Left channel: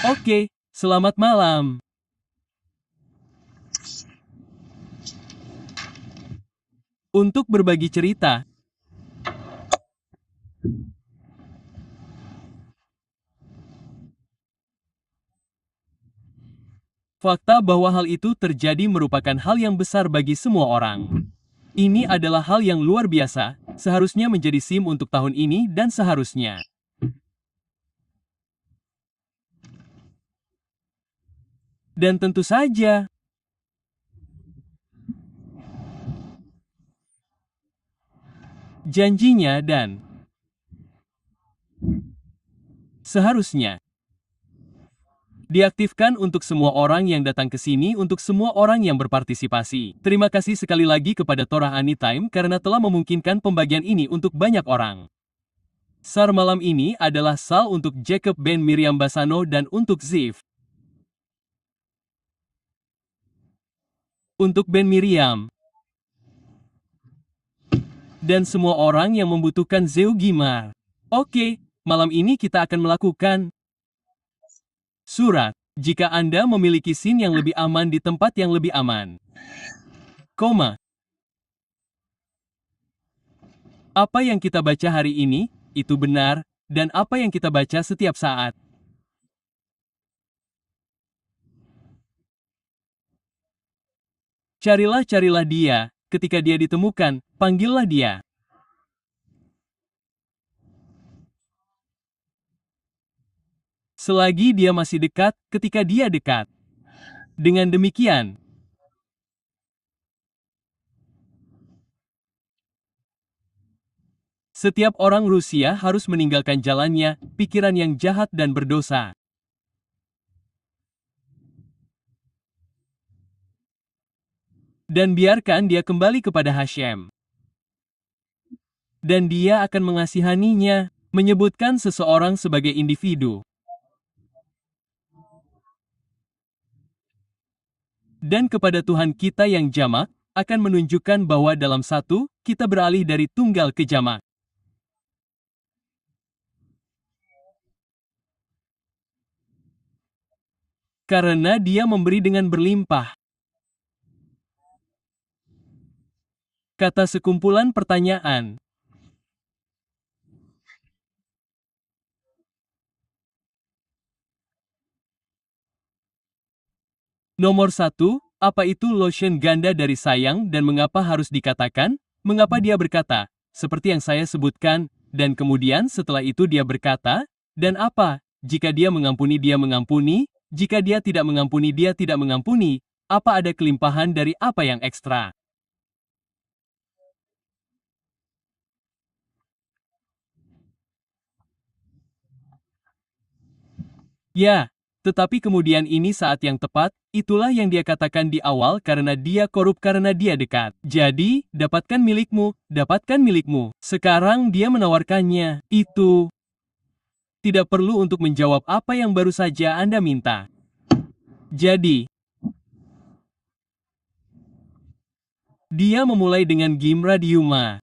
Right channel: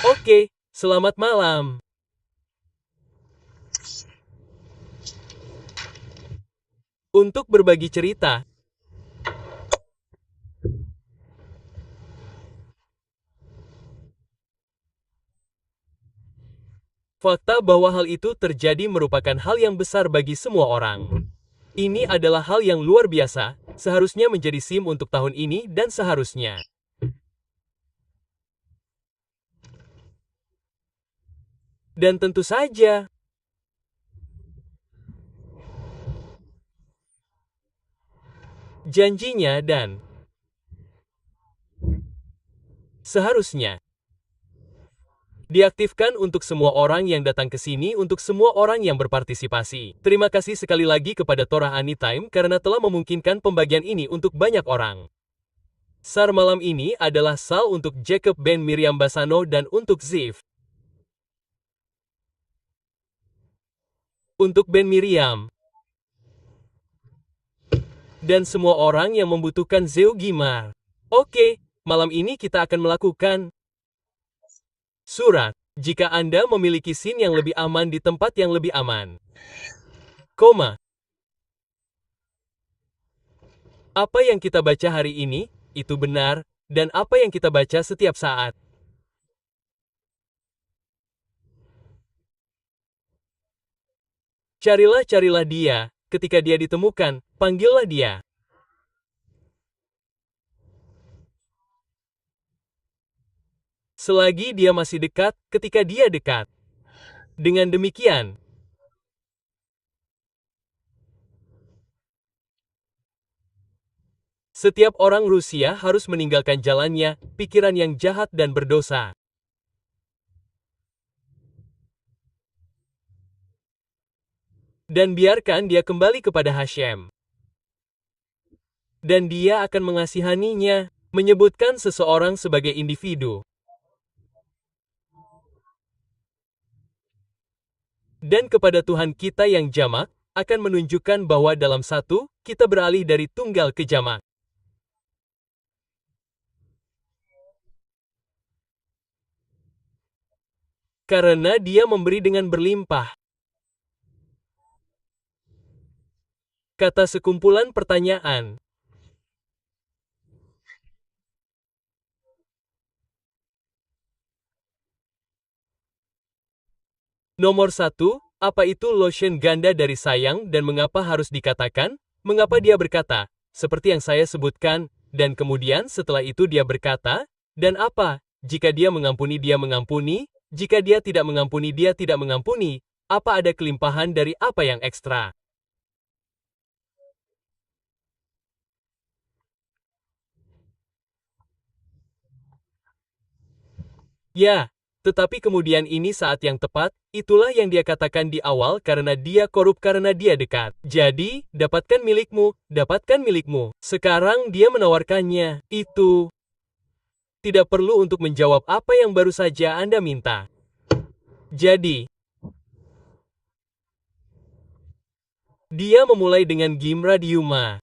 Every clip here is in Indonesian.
Oke, selamat malam. Untuk berbagi cerita, fakta bahwa hal itu terjadi merupakan hal yang besar bagi semua orang. Ini adalah hal yang luar biasa, seharusnya menjadi SIM untuk tahun ini dan seharusnya. Dan tentu saja, janjinya dan seharusnya diaktifkan untuk semua orang yang datang ke sini untuk semua orang yang berpartisipasi. Terima kasih sekali lagi kepada Torah Anytime karena telah memungkinkan pembagian ini untuk banyak orang. SAR malam ini adalah SAL untuk Jacob Ben Miriam Basano dan untuk Ziv. Untuk Ben Miriam. Dan semua orang yang membutuhkan Zeu Gimar. Oke, malam ini kita akan melakukan surat. Jika Anda memiliki SIM yang lebih aman di tempat yang lebih aman. Koma. Apa yang kita baca hari ini, itu benar, dan apa yang kita baca setiap saat. Carilah dia, ketika dia ditemukan, panggillah dia. Selagi dia masih dekat, ketika dia dekat. Dengan demikian, setiap orang Rusia harus meninggalkan jalannya, pikiran yang jahat dan berdosa. Dan biarkan dia kembali kepada Hashem. Dan dia akan mengasihaninya, menyebutkan seseorang sebagai individu. Dan kepada Tuhan kita yang jamak, akan menunjukkan bahwa dalam satu, kita beralih dari tunggal ke jamak. Karena dia memberi dengan berlimpah. Kata sekumpulan pertanyaan. Nomor 1, apa itu lotion ganda dari sayang dan mengapa harus dikatakan? Mengapa dia berkata, seperti yang saya sebutkan, dan kemudian setelah itu dia berkata, dan apa, jika dia mengampuni, jika dia tidak mengampuni, dia tidak mengampuni, apa ada kelimpahan dari apa yang ekstra? Ya, tetapi kemudian ini saat yang tepat, itulah yang dia katakan di awal karena dia korup karena dia dekat. Jadi, dapatkan milikmu, dapatkan milikmu. Sekarang dia menawarkannya. Itu tidak perlu untuk menjawab apa yang baru saja Anda minta. Jadi, dia memulai dengan Gimra Diuma.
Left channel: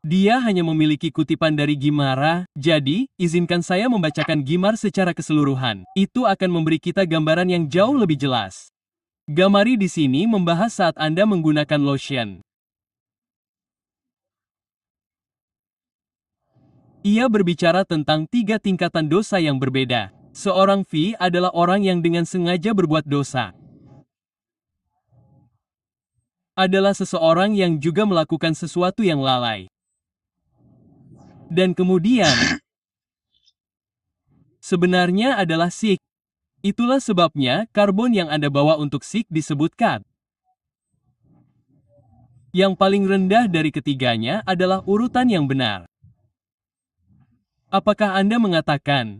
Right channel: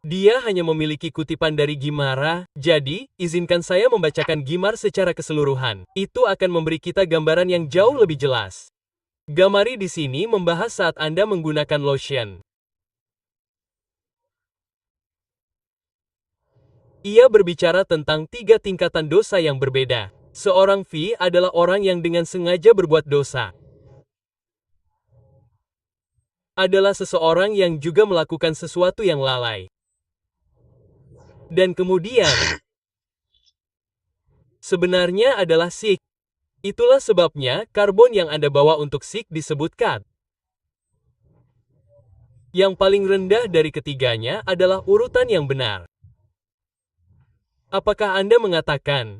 Dia hanya memiliki kutipan dari Gimara, jadi, izinkan saya membacakan Gimar secara keseluruhan. Itu akan memberi kita gambaran yang jauh lebih jelas. Gamari di sini membahas saat Anda menggunakan lotion. Ia berbicara tentang 3 tingkatan dosa yang berbeda. Seorang V adalah orang yang dengan sengaja berbuat dosa. Adalah seseorang yang juga melakukan sesuatu yang lalai. Dan kemudian, sebenarnya adalah sik. Itulah sebabnya karbon yang Anda bawa untuk sik disebut kat. Yang paling rendah dari ketiganya adalah urutan yang benar. Apakah Anda mengatakan?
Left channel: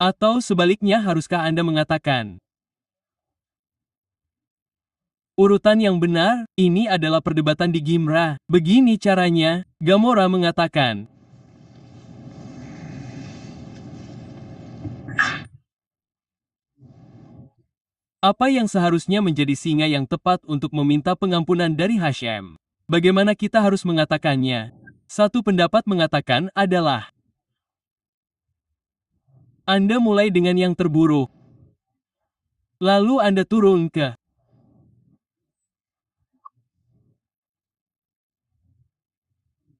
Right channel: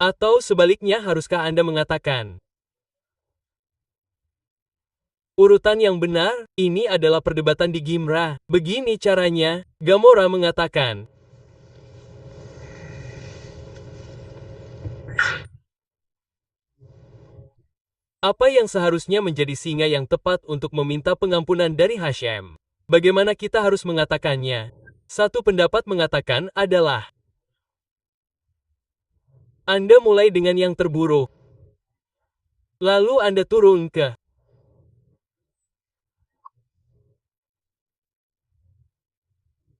Atau sebaliknya haruskah Anda mengatakan? Urutan yang benar, ini adalah perdebatan di Gimra. Begini caranya, Gamora mengatakan. Apa yang seharusnya menjadi singa yang tepat untuk meminta pengampunan dari Hashem? Bagaimana kita harus mengatakannya? Satu pendapat mengatakan adalah Anda mulai dengan yang terburuk. Lalu Anda turun ke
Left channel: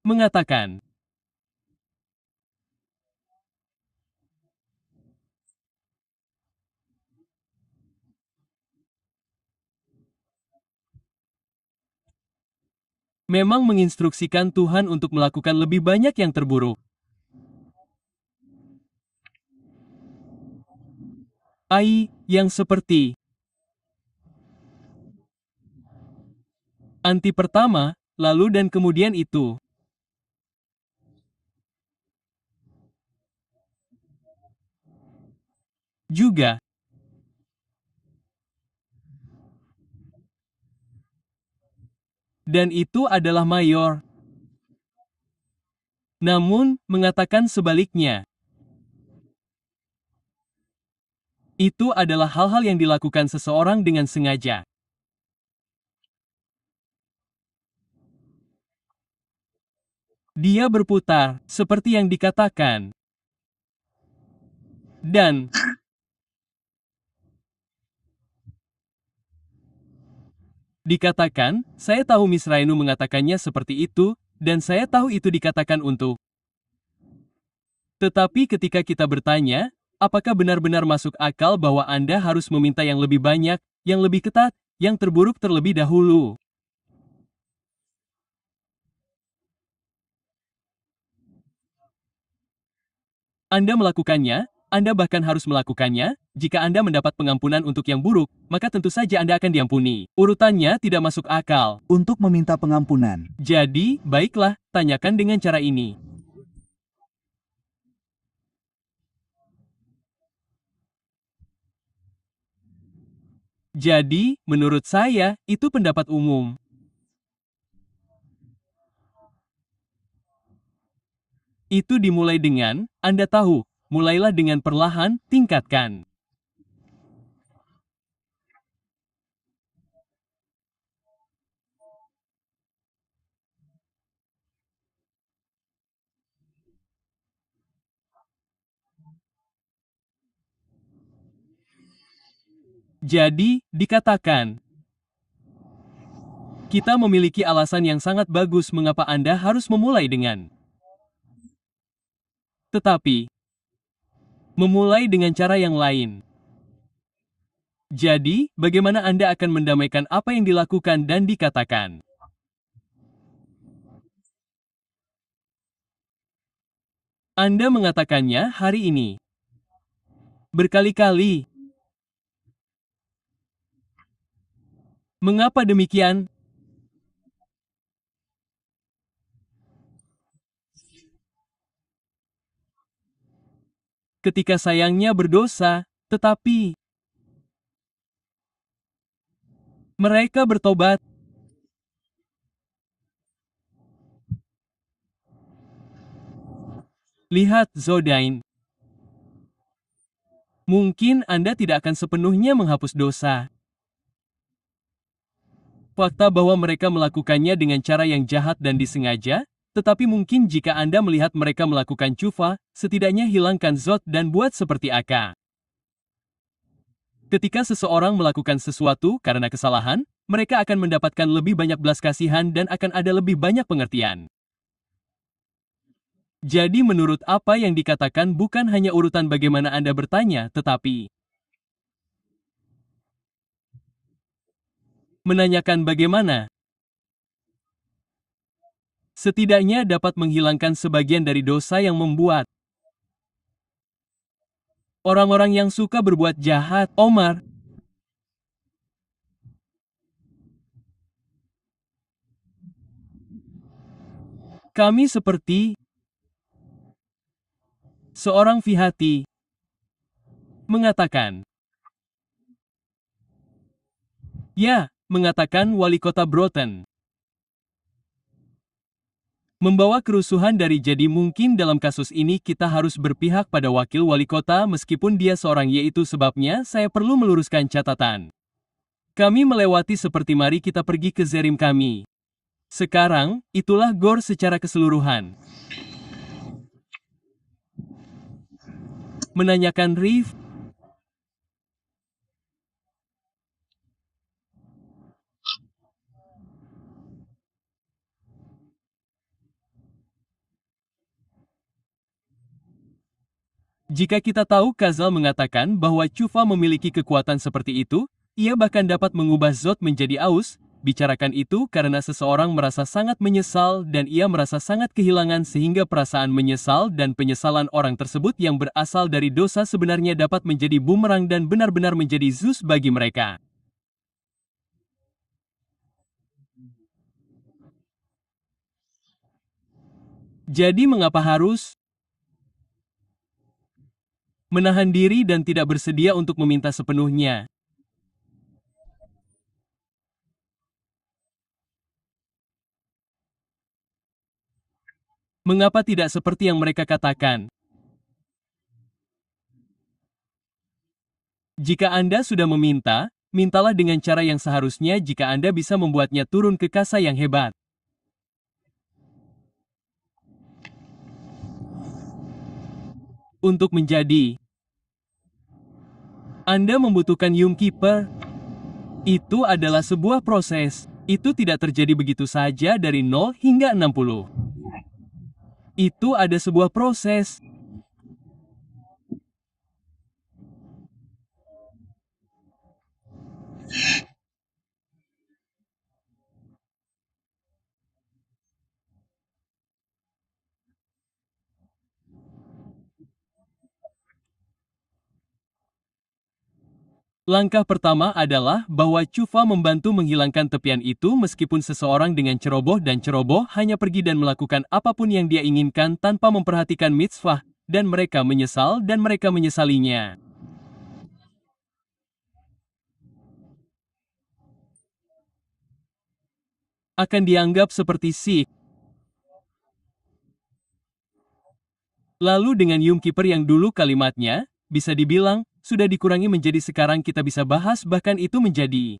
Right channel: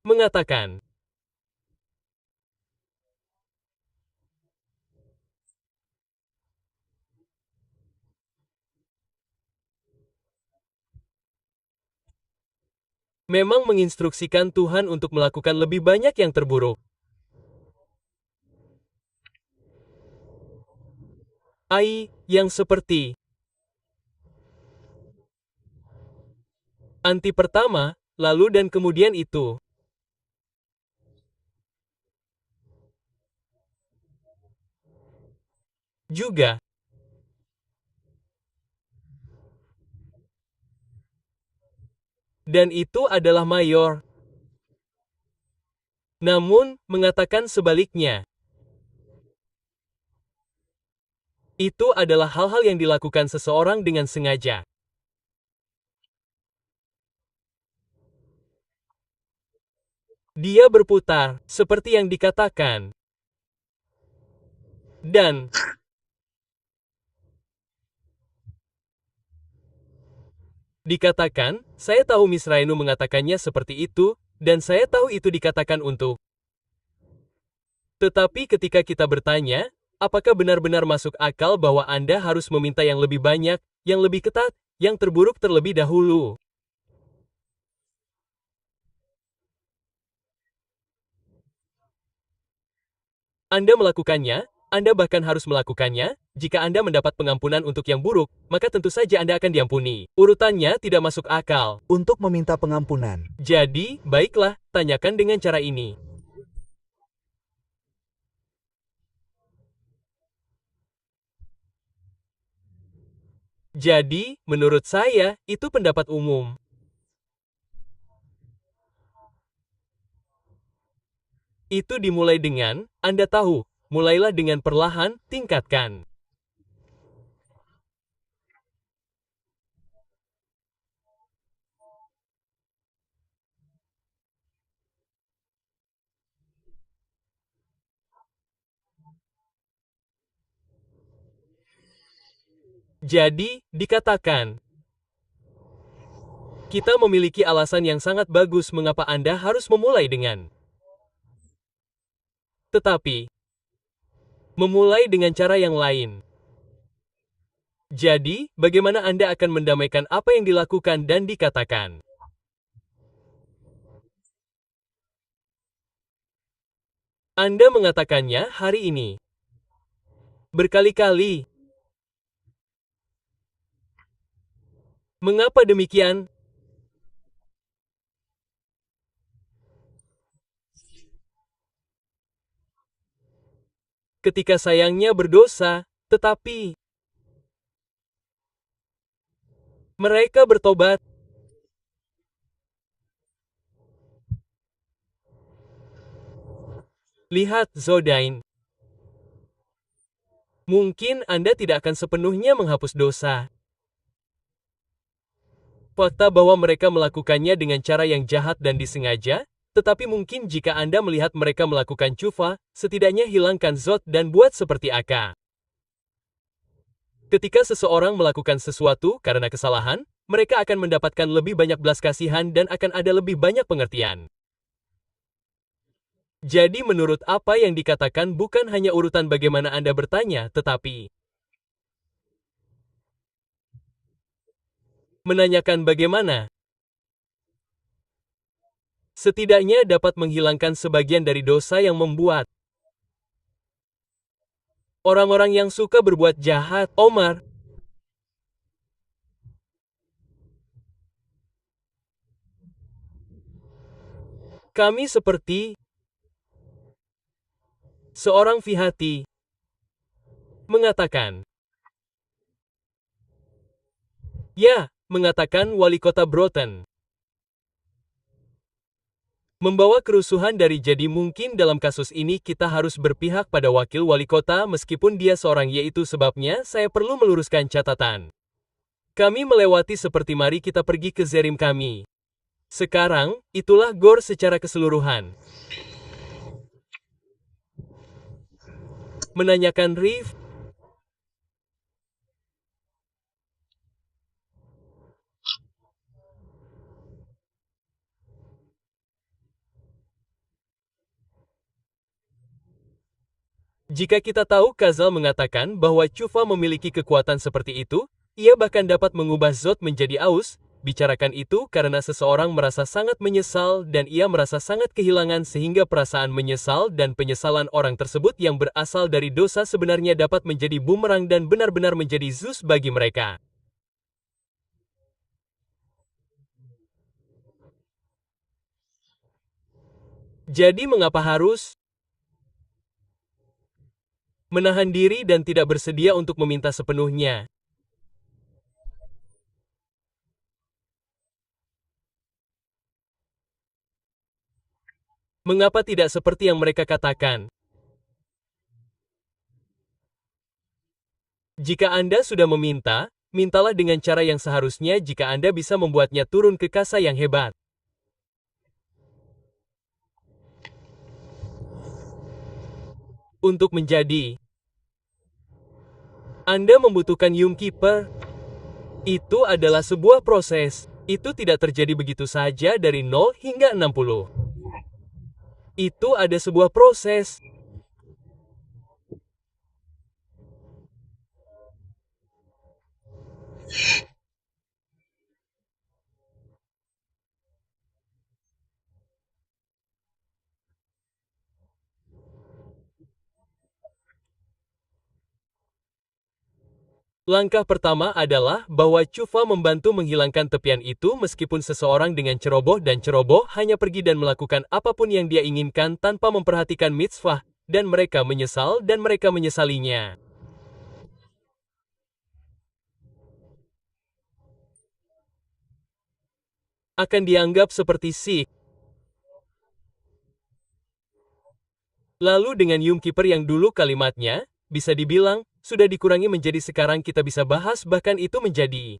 mengatakan, memang menginstruksikan Tuhan untuk melakukan lebih banyak yang terburuk. Yang seperti anti pertama, lalu dan kemudian itu. Juga, dan itu adalah mayor. Namun, mengatakan sebaliknya. Itu adalah hal-hal yang dilakukan seseorang dengan sengaja. Dia berputar, seperti yang dikatakan. Dan, dikatakan, saya tahu Miss Rainu mengatakannya seperti itu, dan saya tahu itu dikatakan untuk. Tetapi ketika kita bertanya, apakah benar-benar masuk akal bahwa Anda harus meminta yang lebih banyak, yang lebih ketat, yang terburuk terlebih dahulu? Anda melakukannya, Anda bahkan harus melakukannya. Jika Anda mendapat pengampunan untuk yang buruk, maka tentu saja Anda akan diampuni. Urutannya tidak masuk akal. Untuk meminta pengampunan. Jadi, baiklah, tanyakan dengan cara ini. Jadi, menurut saya, itu pendapat umum. Itu dimulai dengan, Anda tahu, mulailah dengan perlahan, tingkatkan. Jadi, dikatakan, kita memiliki alasan yang sangat bagus mengapa Anda harus memulai dengan. Tetapi, memulai dengan cara yang lain. Jadi, bagaimana Anda akan mendamaikan apa yang dilakukan dan dikatakan? Anda mengatakannya hari ini. Berkali-kali. Mengapa demikian? Ketika sayangnya berdosa, tetapi mereka bertobat. Lihat, Zodain. Mungkin Anda tidak akan sepenuhnya menghapus dosa. Fakta bahwa mereka melakukannya dengan cara yang jahat dan disengaja, tetapi mungkin jika Anda melihat mereka melakukan cufa, setidaknya hilangkan Zod dan buat seperti Aka. Ketika seseorang melakukan sesuatu karena kesalahan, mereka akan mendapatkan lebih banyak belas kasihan dan akan ada lebih banyak pengertian. Jadi menurut apa yang dikatakan bukan hanya urutan bagaimana Anda bertanya, tetapi menanyakan bagaimana. Setidaknya dapat menghilangkan sebagian dari dosa yang membuat orang-orang yang suka berbuat jahat, Omar. Kami seperti seorang Fihati mengatakan. Ya, mengatakan wali kota Broughton. Membawa kerusuhan dari jadi mungkin dalam kasus ini kita harus berpihak pada wakil wali kota meskipun dia seorang yaitu sebabnya saya perlu meluruskan catatan. Kami melewati seperti mari kita pergi ke Zerim kami. Sekarang, itulah Gor secara keseluruhan. Menanyakan Riff. Jika kita tahu Kazal mengatakan bahwa Chufa memiliki kekuatan seperti itu, ia bahkan dapat mengubah Zod menjadi aus, bicarakan itu karena seseorang merasa sangat menyesal dan ia merasa sangat kehilangan sehingga perasaan menyesal dan penyesalan orang tersebut yang berasal dari dosa sebenarnya dapat menjadi bumerang dan benar-benar menjadi Zeus bagi mereka. Jadi mengapa harus menahan diri dan tidak bersedia untuk meminta sepenuhnya? Mengapa tidak seperti yang mereka katakan? Jika Anda sudah meminta, mintalah dengan cara yang seharusnya jika Anda bisa membuatnya turun ke kasa yang hebat. Untuk menjadi Anda membutuhkan Keeper. Itu adalah sebuah proses. Itu tidak terjadi begitu saja dari 0 hingga 60. Itu ada sebuah proses. Langkah pertama adalah bahwa Chufa membantu menghilangkan tepian itu meskipun seseorang dengan ceroboh dan ceroboh hanya pergi dan melakukan apapun yang dia inginkan tanpa memperhatikan mitzvah, dan mereka menyesal dan mereka menyesalinya. Akan dianggap seperti Sikh. Lalu dengan Keeper yang dulu kalimatnya, bisa dibilang, sudah dikurangi menjadi sekarang kita bisa bahas bahkan itu menjadi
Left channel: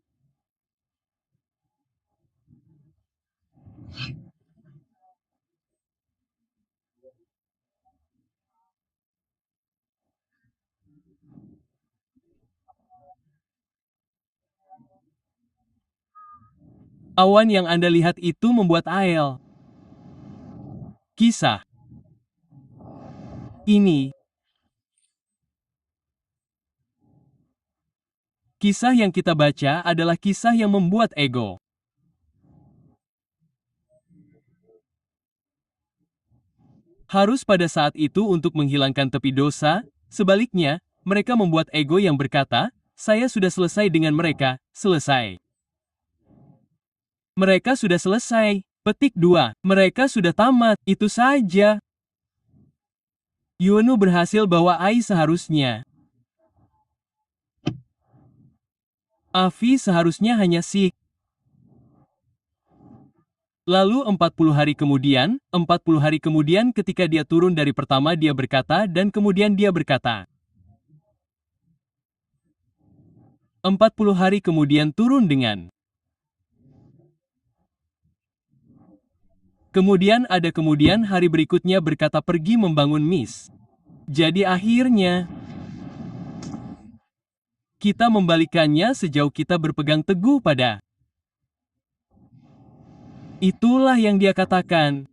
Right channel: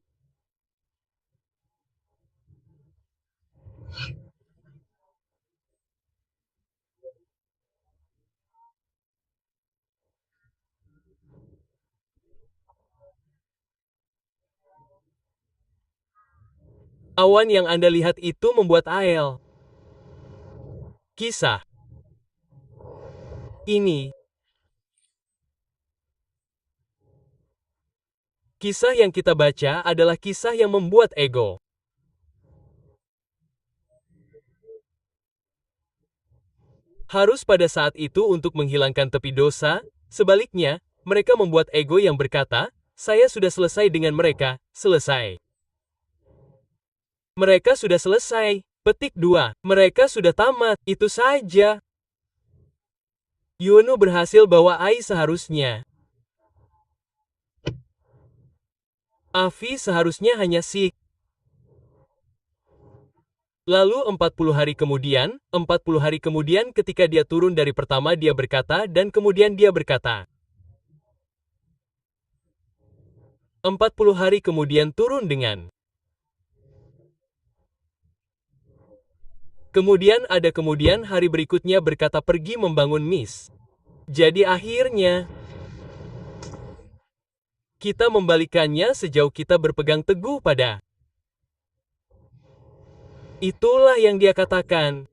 awan yang Anda lihat itu membuat Ael. Kisah ini kisah yang kita baca adalah kisah yang membuat ego. Harus pada saat itu untuk menghilangkan tepi dosa, sebaliknya, mereka membuat ego yang berkata, saya sudah selesai dengan mereka, selesai. Mereka sudah selesai. Petik 2. Mereka sudah tamat, itu saja. Yuonu berhasil bawa Ai seharusnya. Avi seharusnya hanya Sikh. Lalu 40 hari kemudian ketika dia turun dari pertama dia berkata dan kemudian dia berkata. 40 hari kemudian turun dengan. Kemudian hari berikutnya berkata pergi membangun Miss. Jadi akhirnya, kita membalikannya sejauh kita berpegang teguh pada. Itulah yang dia katakan.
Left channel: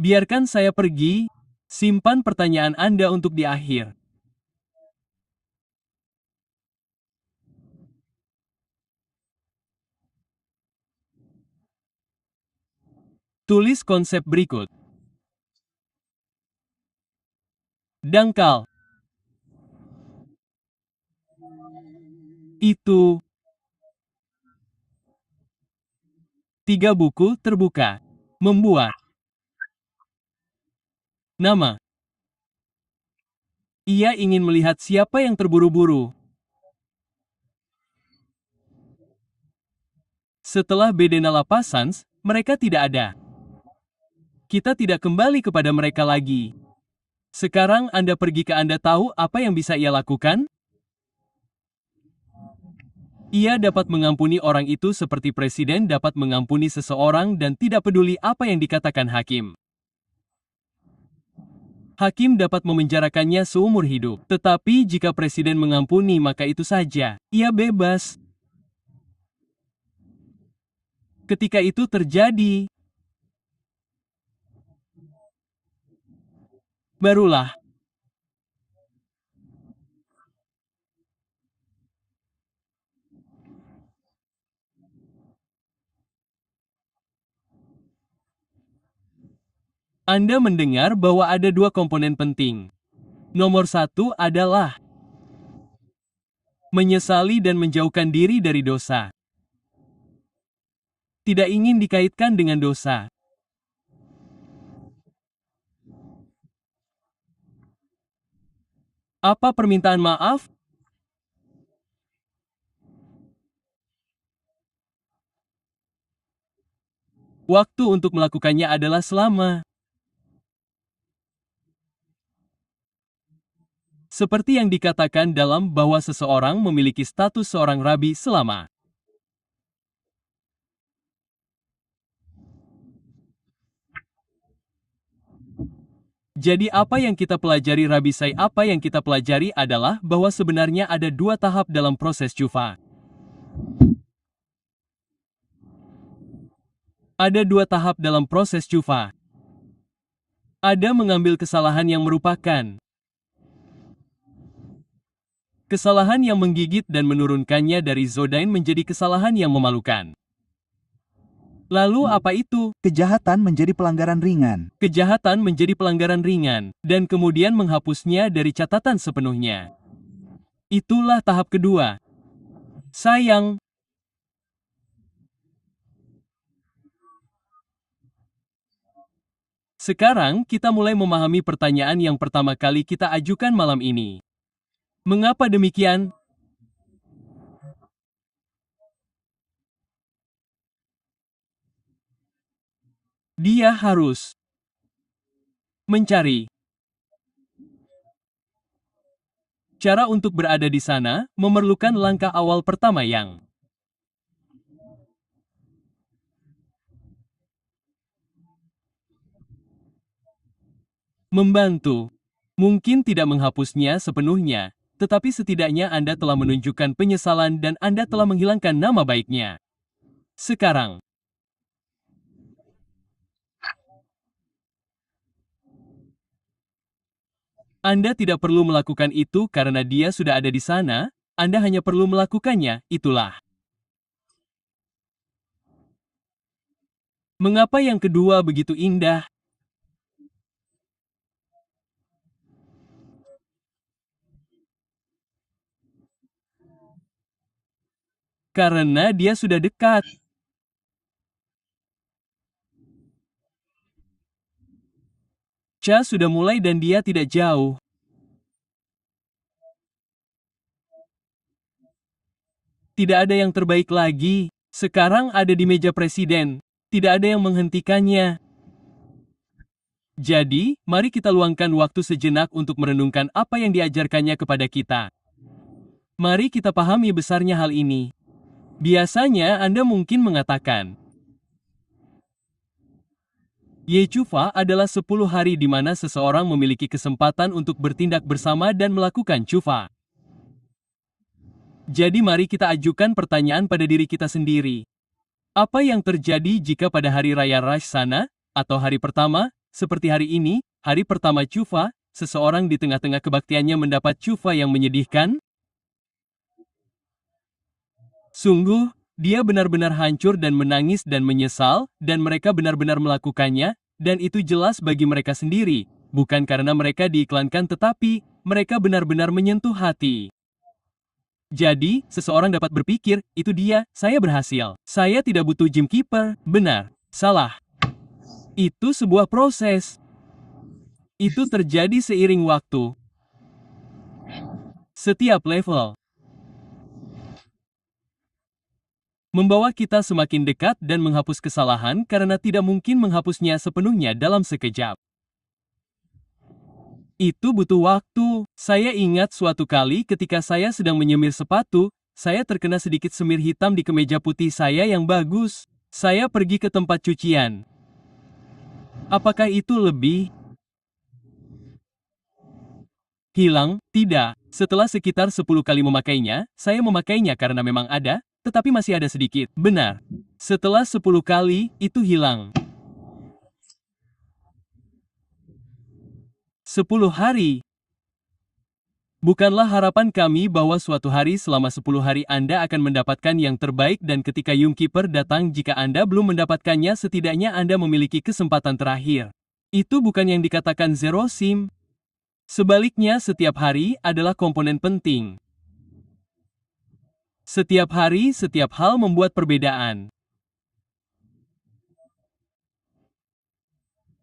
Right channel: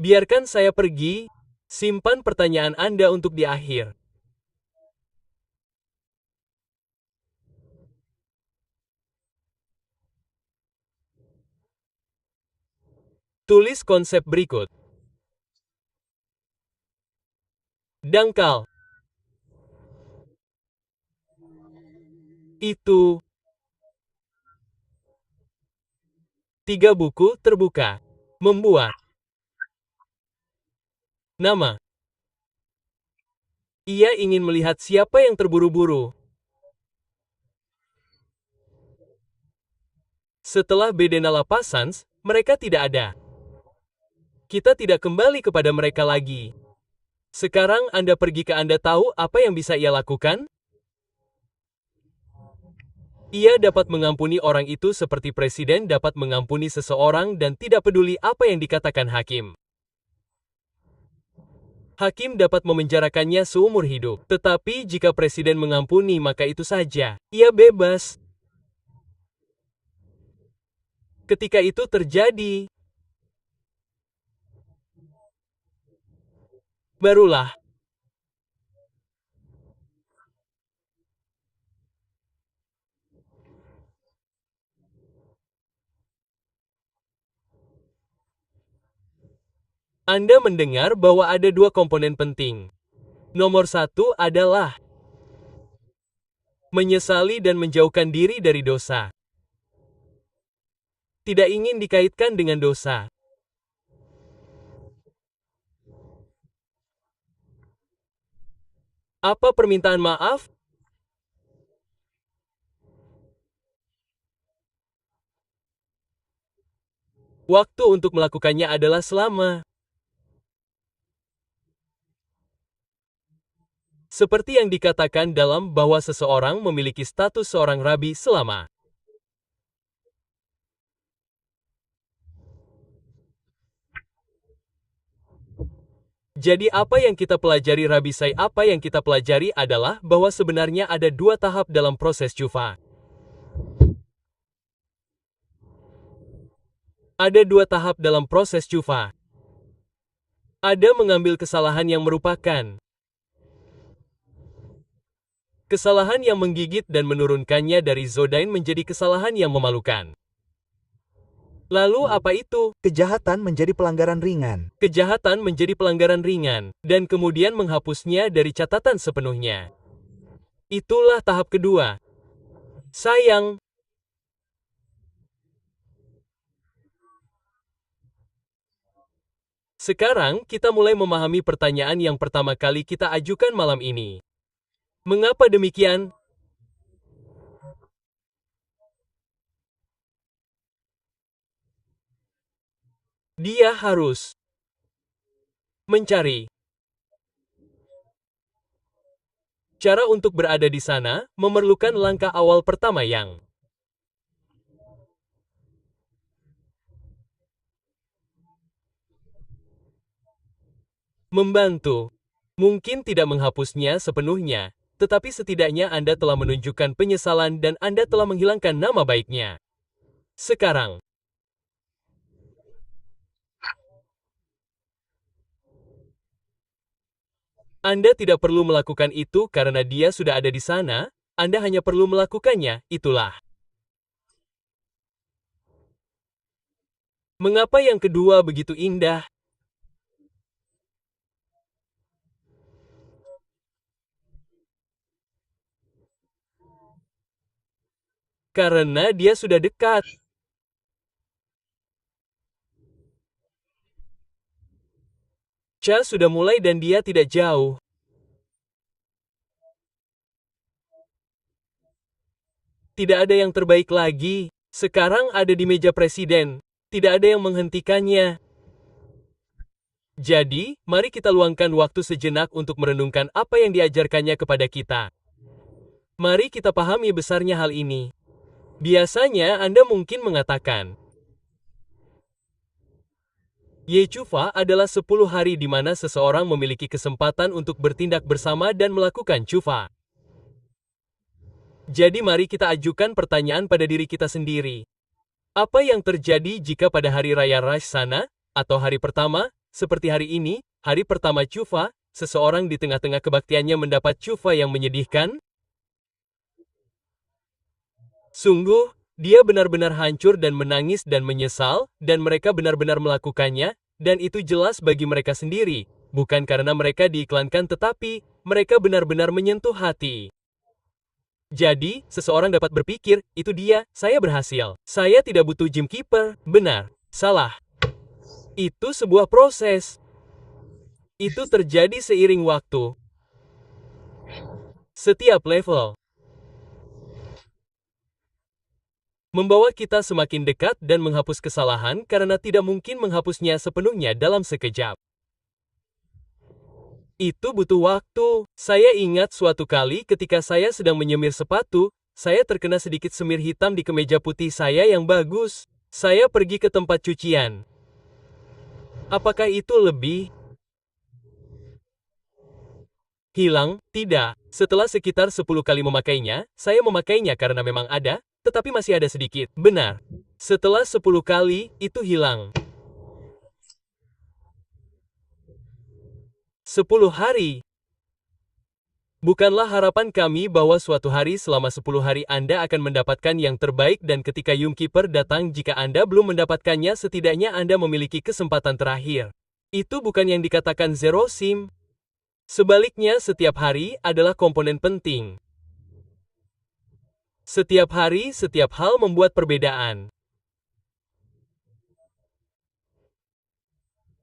Biarkan saya pergi, simpan pertanyaan Anda untuk di akhir. Tulis konsep berikut. Dangkal. Itu. 3 buku terbuka. Membuat. Nama. Ia ingin melihat siapa yang terburu-buru. Setelah Bedenala Passans, mereka tidak ada. Kita tidak kembali kepada mereka lagi. Sekarang Anda pergi ke Anda tahu apa yang bisa ia lakukan? Ia dapat mengampuni orang itu seperti presiden dapat mengampuni seseorang dan tidak peduli apa yang dikatakan hakim. Hakim dapat memenjarakannya seumur hidup. Tetapi jika presiden mengampuni maka itu saja. Ia bebas. Ketika itu terjadi, barulah Anda mendengar bahwa ada dua komponen penting. Nomor satu adalah menyesali dan menjauhkan diri dari dosa. Tidak ingin dikaitkan dengan dosa. Apa permintaan maaf? Waktu untuk melakukannya adalah selama. Seperti yang dikatakan dalam bahwa seseorang memiliki status seorang rabi selama. Jadi apa yang kita pelajari Rabi Sai? Apa yang kita pelajari adalah bahwa sebenarnya ada dua tahap dalam proses syufa. Ada dua tahap dalam proses syufa. Ada mengambil kesalahan yang merupakan kesalahan yang menggigit dan menurunkannya dari Zodain menjadi kesalahan yang memalukan. Lalu apa itu? Kejahatan menjadi pelanggaran ringan. Kejahatan menjadi pelanggaran ringan, dan kemudian menghapusnya dari catatan sepenuhnya. Itulah tahap kedua. Sayang. Sekarang kita mulai memahami pertanyaan yang pertama kali kita ajukan malam ini. Mengapa demikian? Dia harus mencari cara untuk berada di sana, memerlukan langkah awal pertama yang membantu. Mungkin tidak menghapusnya sepenuhnya, tetapi setidaknya Anda telah menunjukkan penyesalan dan Anda telah menghilangkan nama baiknya. Sekarang, Anda tidak perlu melakukan itu karena dia sudah ada di sana, Anda hanya perlu melakukannya, itulah. Mengapa yang kedua begitu indah? Karena dia sudah dekat. Cha sudah mulai dan dia tidak jauh. Tidak ada yang terbaik lagi. Sekarang ada di meja presiden. Tidak ada yang menghentikannya. Jadi, mari kita luangkan waktu sejenak untuk merenungkan apa yang diajarkannya kepada kita. Mari kita pahami besarnya hal ini. Biasanya Anda mungkin mengatakan, Yechufa adalah 10 hari di mana seseorang memiliki kesempatan untuk bertindak bersama dan melakukan cufa. Jadi mari kita ajukan pertanyaan pada diri kita sendiri. Apa yang terjadi jika pada hari raya Rosh Hashanah, atau hari pertama, seperti hari ini, hari pertama cufa, seseorang di tengah-tengah kebaktiannya mendapat cufa yang menyedihkan? Sungguh, dia benar-benar hancur dan menangis dan menyesal, dan mereka benar-benar melakukannya, dan itu jelas bagi mereka sendiri, bukan karena mereka diiklankan tetapi, mereka benar-benar menyentuh hati. Jadi, seseorang dapat berpikir, itu dia, saya berhasil. Saya tidak butuh gym keeper. Benar. Salah. Itu sebuah proses. Itu terjadi seiring waktu. Setiap level membawa kita semakin dekat dan menghapus kesalahan karena tidak mungkin menghapusnya sepenuhnya dalam sekejap. Itu butuh waktu. Saya ingat suatu kali ketika saya sedang menyemir sepatu, saya terkena sedikit semir hitam di kemeja putih saya yang bagus. Saya pergi ke tempat cucian. Apakah itu lebih Hilang? Tidak. Setelah sekitar 10 kali memakainya, saya memakainya karena memang ada, tetapi masih ada sedikit. Benar. Setelah 10 kali, itu hilang. 10 hari. Bukanlah harapan kami bahwa suatu hari selama 10 hari Anda akan mendapatkan yang terbaik dan ketika Yumkeeper datang jika Anda belum mendapatkannya setidaknya Anda memiliki kesempatan terakhir. Itu bukan yang dikatakan Zero Sim. Sebaliknya setiap hari adalah komponen penting. Setiap hari, setiap hal membuat perbedaan.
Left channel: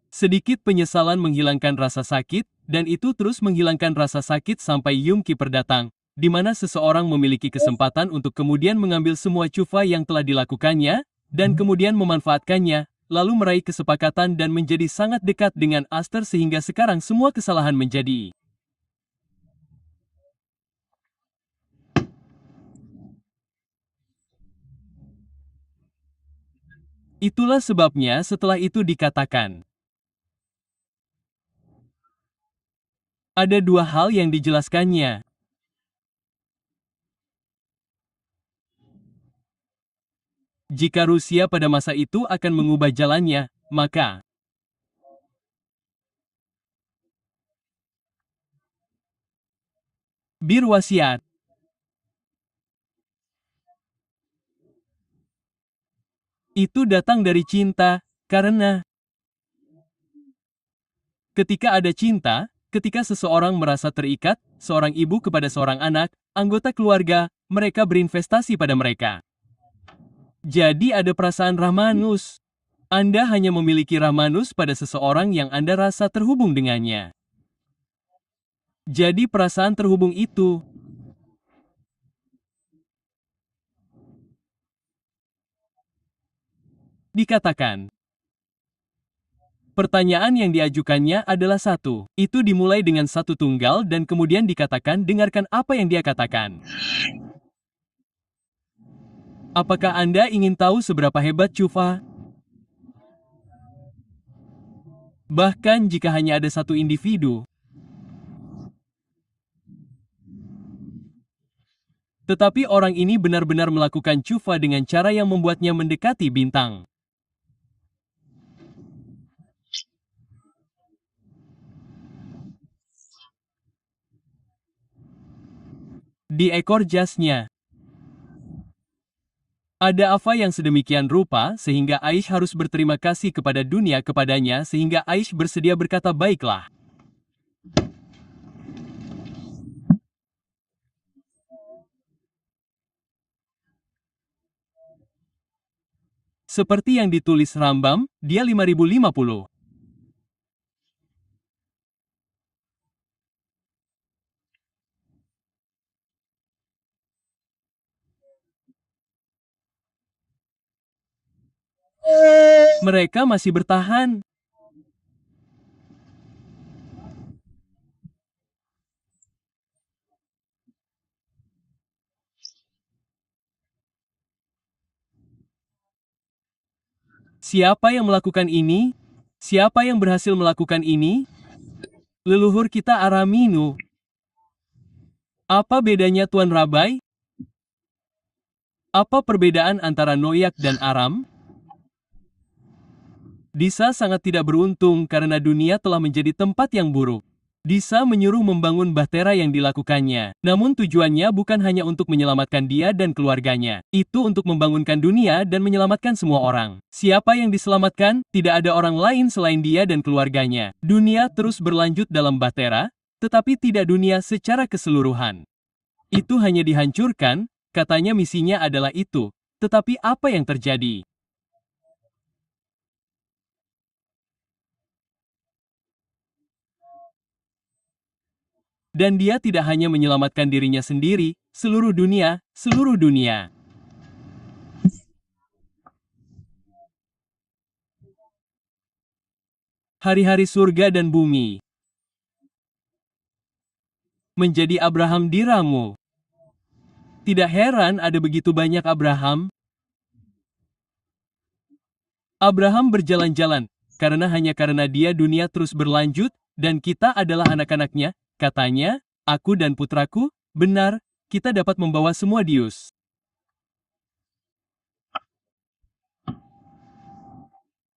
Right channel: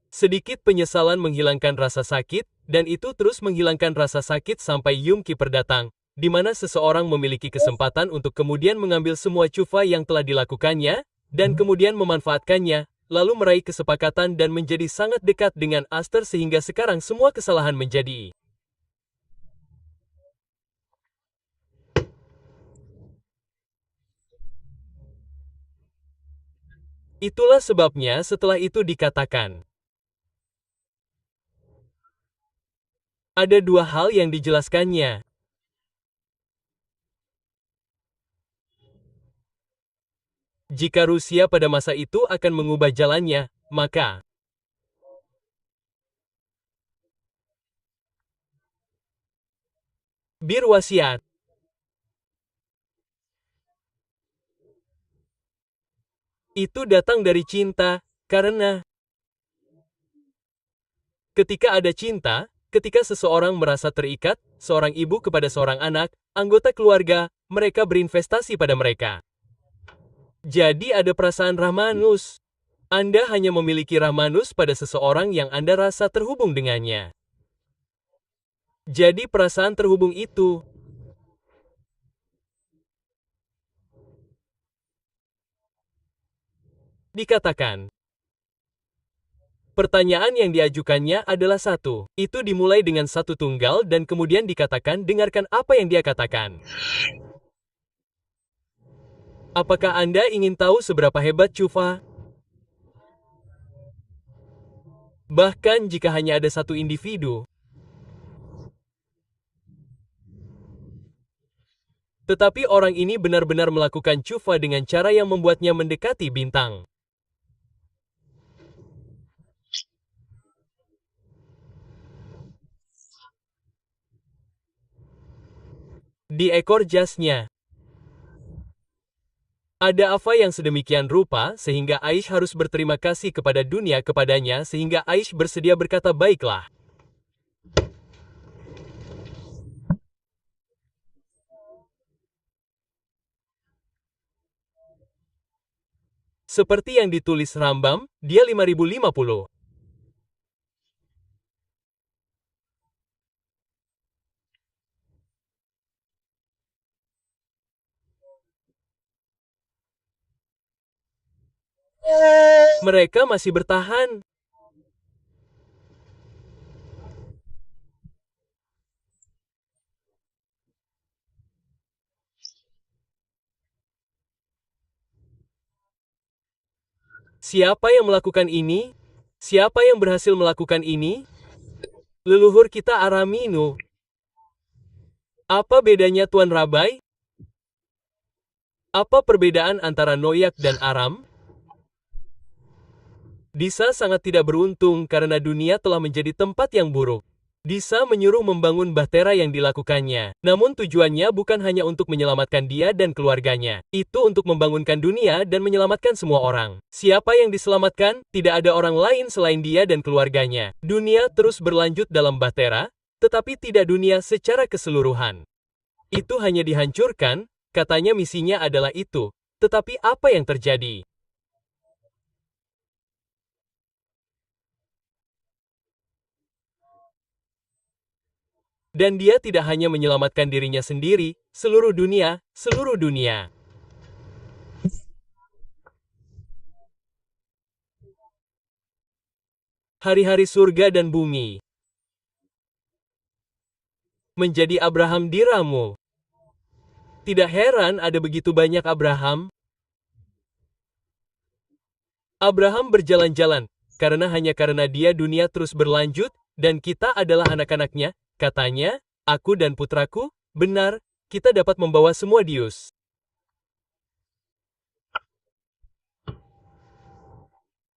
Sedikit penyesalan menghilangkan rasa sakit, dan itu terus menghilangkan rasa sakit sampai Yumkeeper datang, di mana seseorang memiliki kesempatan untuk kemudian mengambil semua cufa yang telah dilakukannya, dan kemudian memanfaatkannya, lalu meraih kesepakatan dan menjadi sangat dekat dengan Aster sehingga sekarang semua kesalahan menjadi. Itulah sebabnya setelah itu dikatakan. Ada dua hal yang dijelaskannya. Jika Rusia pada masa itu akan mengubah jalannya, maka Bir wasiat. Itu datang dari cinta, karena ketika ada cinta, ketika seseorang merasa terikat, seorang ibu kepada seorang anak, anggota keluarga, mereka berinvestasi pada mereka. Jadi ada perasaan Rahmanus. Anda hanya memiliki Rahmanus pada seseorang yang Anda rasa terhubung dengannya. Jadi perasaan terhubung itu dikatakan. Pertanyaan yang diajukannya adalah satu. Itu dimulai dengan satu tunggal dan kemudian dikatakan dengarkan apa yang dia katakan. Apakah Anda ingin tahu seberapa hebat Cufa? Bahkan jika hanya ada satu individu. Tetapi orang ini benar-benar melakukan Cufa dengan cara yang membuatnya mendekati bintang. Di ekor jasnya. Ada apa yang sedemikian rupa sehingga Aish harus berterima kasih kepada dunia kepadanya sehingga Aish bersedia berkata baiklah. Seperti yang ditulis Rambam, dia 5050. Mereka masih bertahan. Siapa yang melakukan ini? Siapa yang berhasil melakukan ini? Leluhur kita Araminu. Apa bedanya Tuan Rabai? Apa perbedaan antara Noyak dan Aram? Disa sangat tidak beruntung karena dunia telah menjadi tempat yang buruk. Disa menyuruh membangun bahtera yang dilakukannya. Namun tujuannya bukan hanya untuk menyelamatkan dia dan keluarganya. Itu untuk membangunkan dunia dan menyelamatkan semua orang. Siapa yang diselamatkan? Tidak ada orang lain selain dia dan keluarganya. Dunia terus berlanjut dalam bahtera, tetapi tidak dunia secara keseluruhan. Itu hanya dihancurkan, katanya misinya adalah itu. Tetapi apa yang terjadi? Dan dia tidak hanya menyelamatkan dirinya sendiri, seluruh dunia, seluruh dunia. Hari-hari surga dan bumi. Menjadi Abraham diramu. Tidak heran ada begitu banyak Abraham. Abraham berjalan-jalan, karena hanya karena dia dunia terus berlanjut, dan kita adalah anak-anaknya, katanya, Aku dan putraku, benar, kita dapat membawa semua Dius.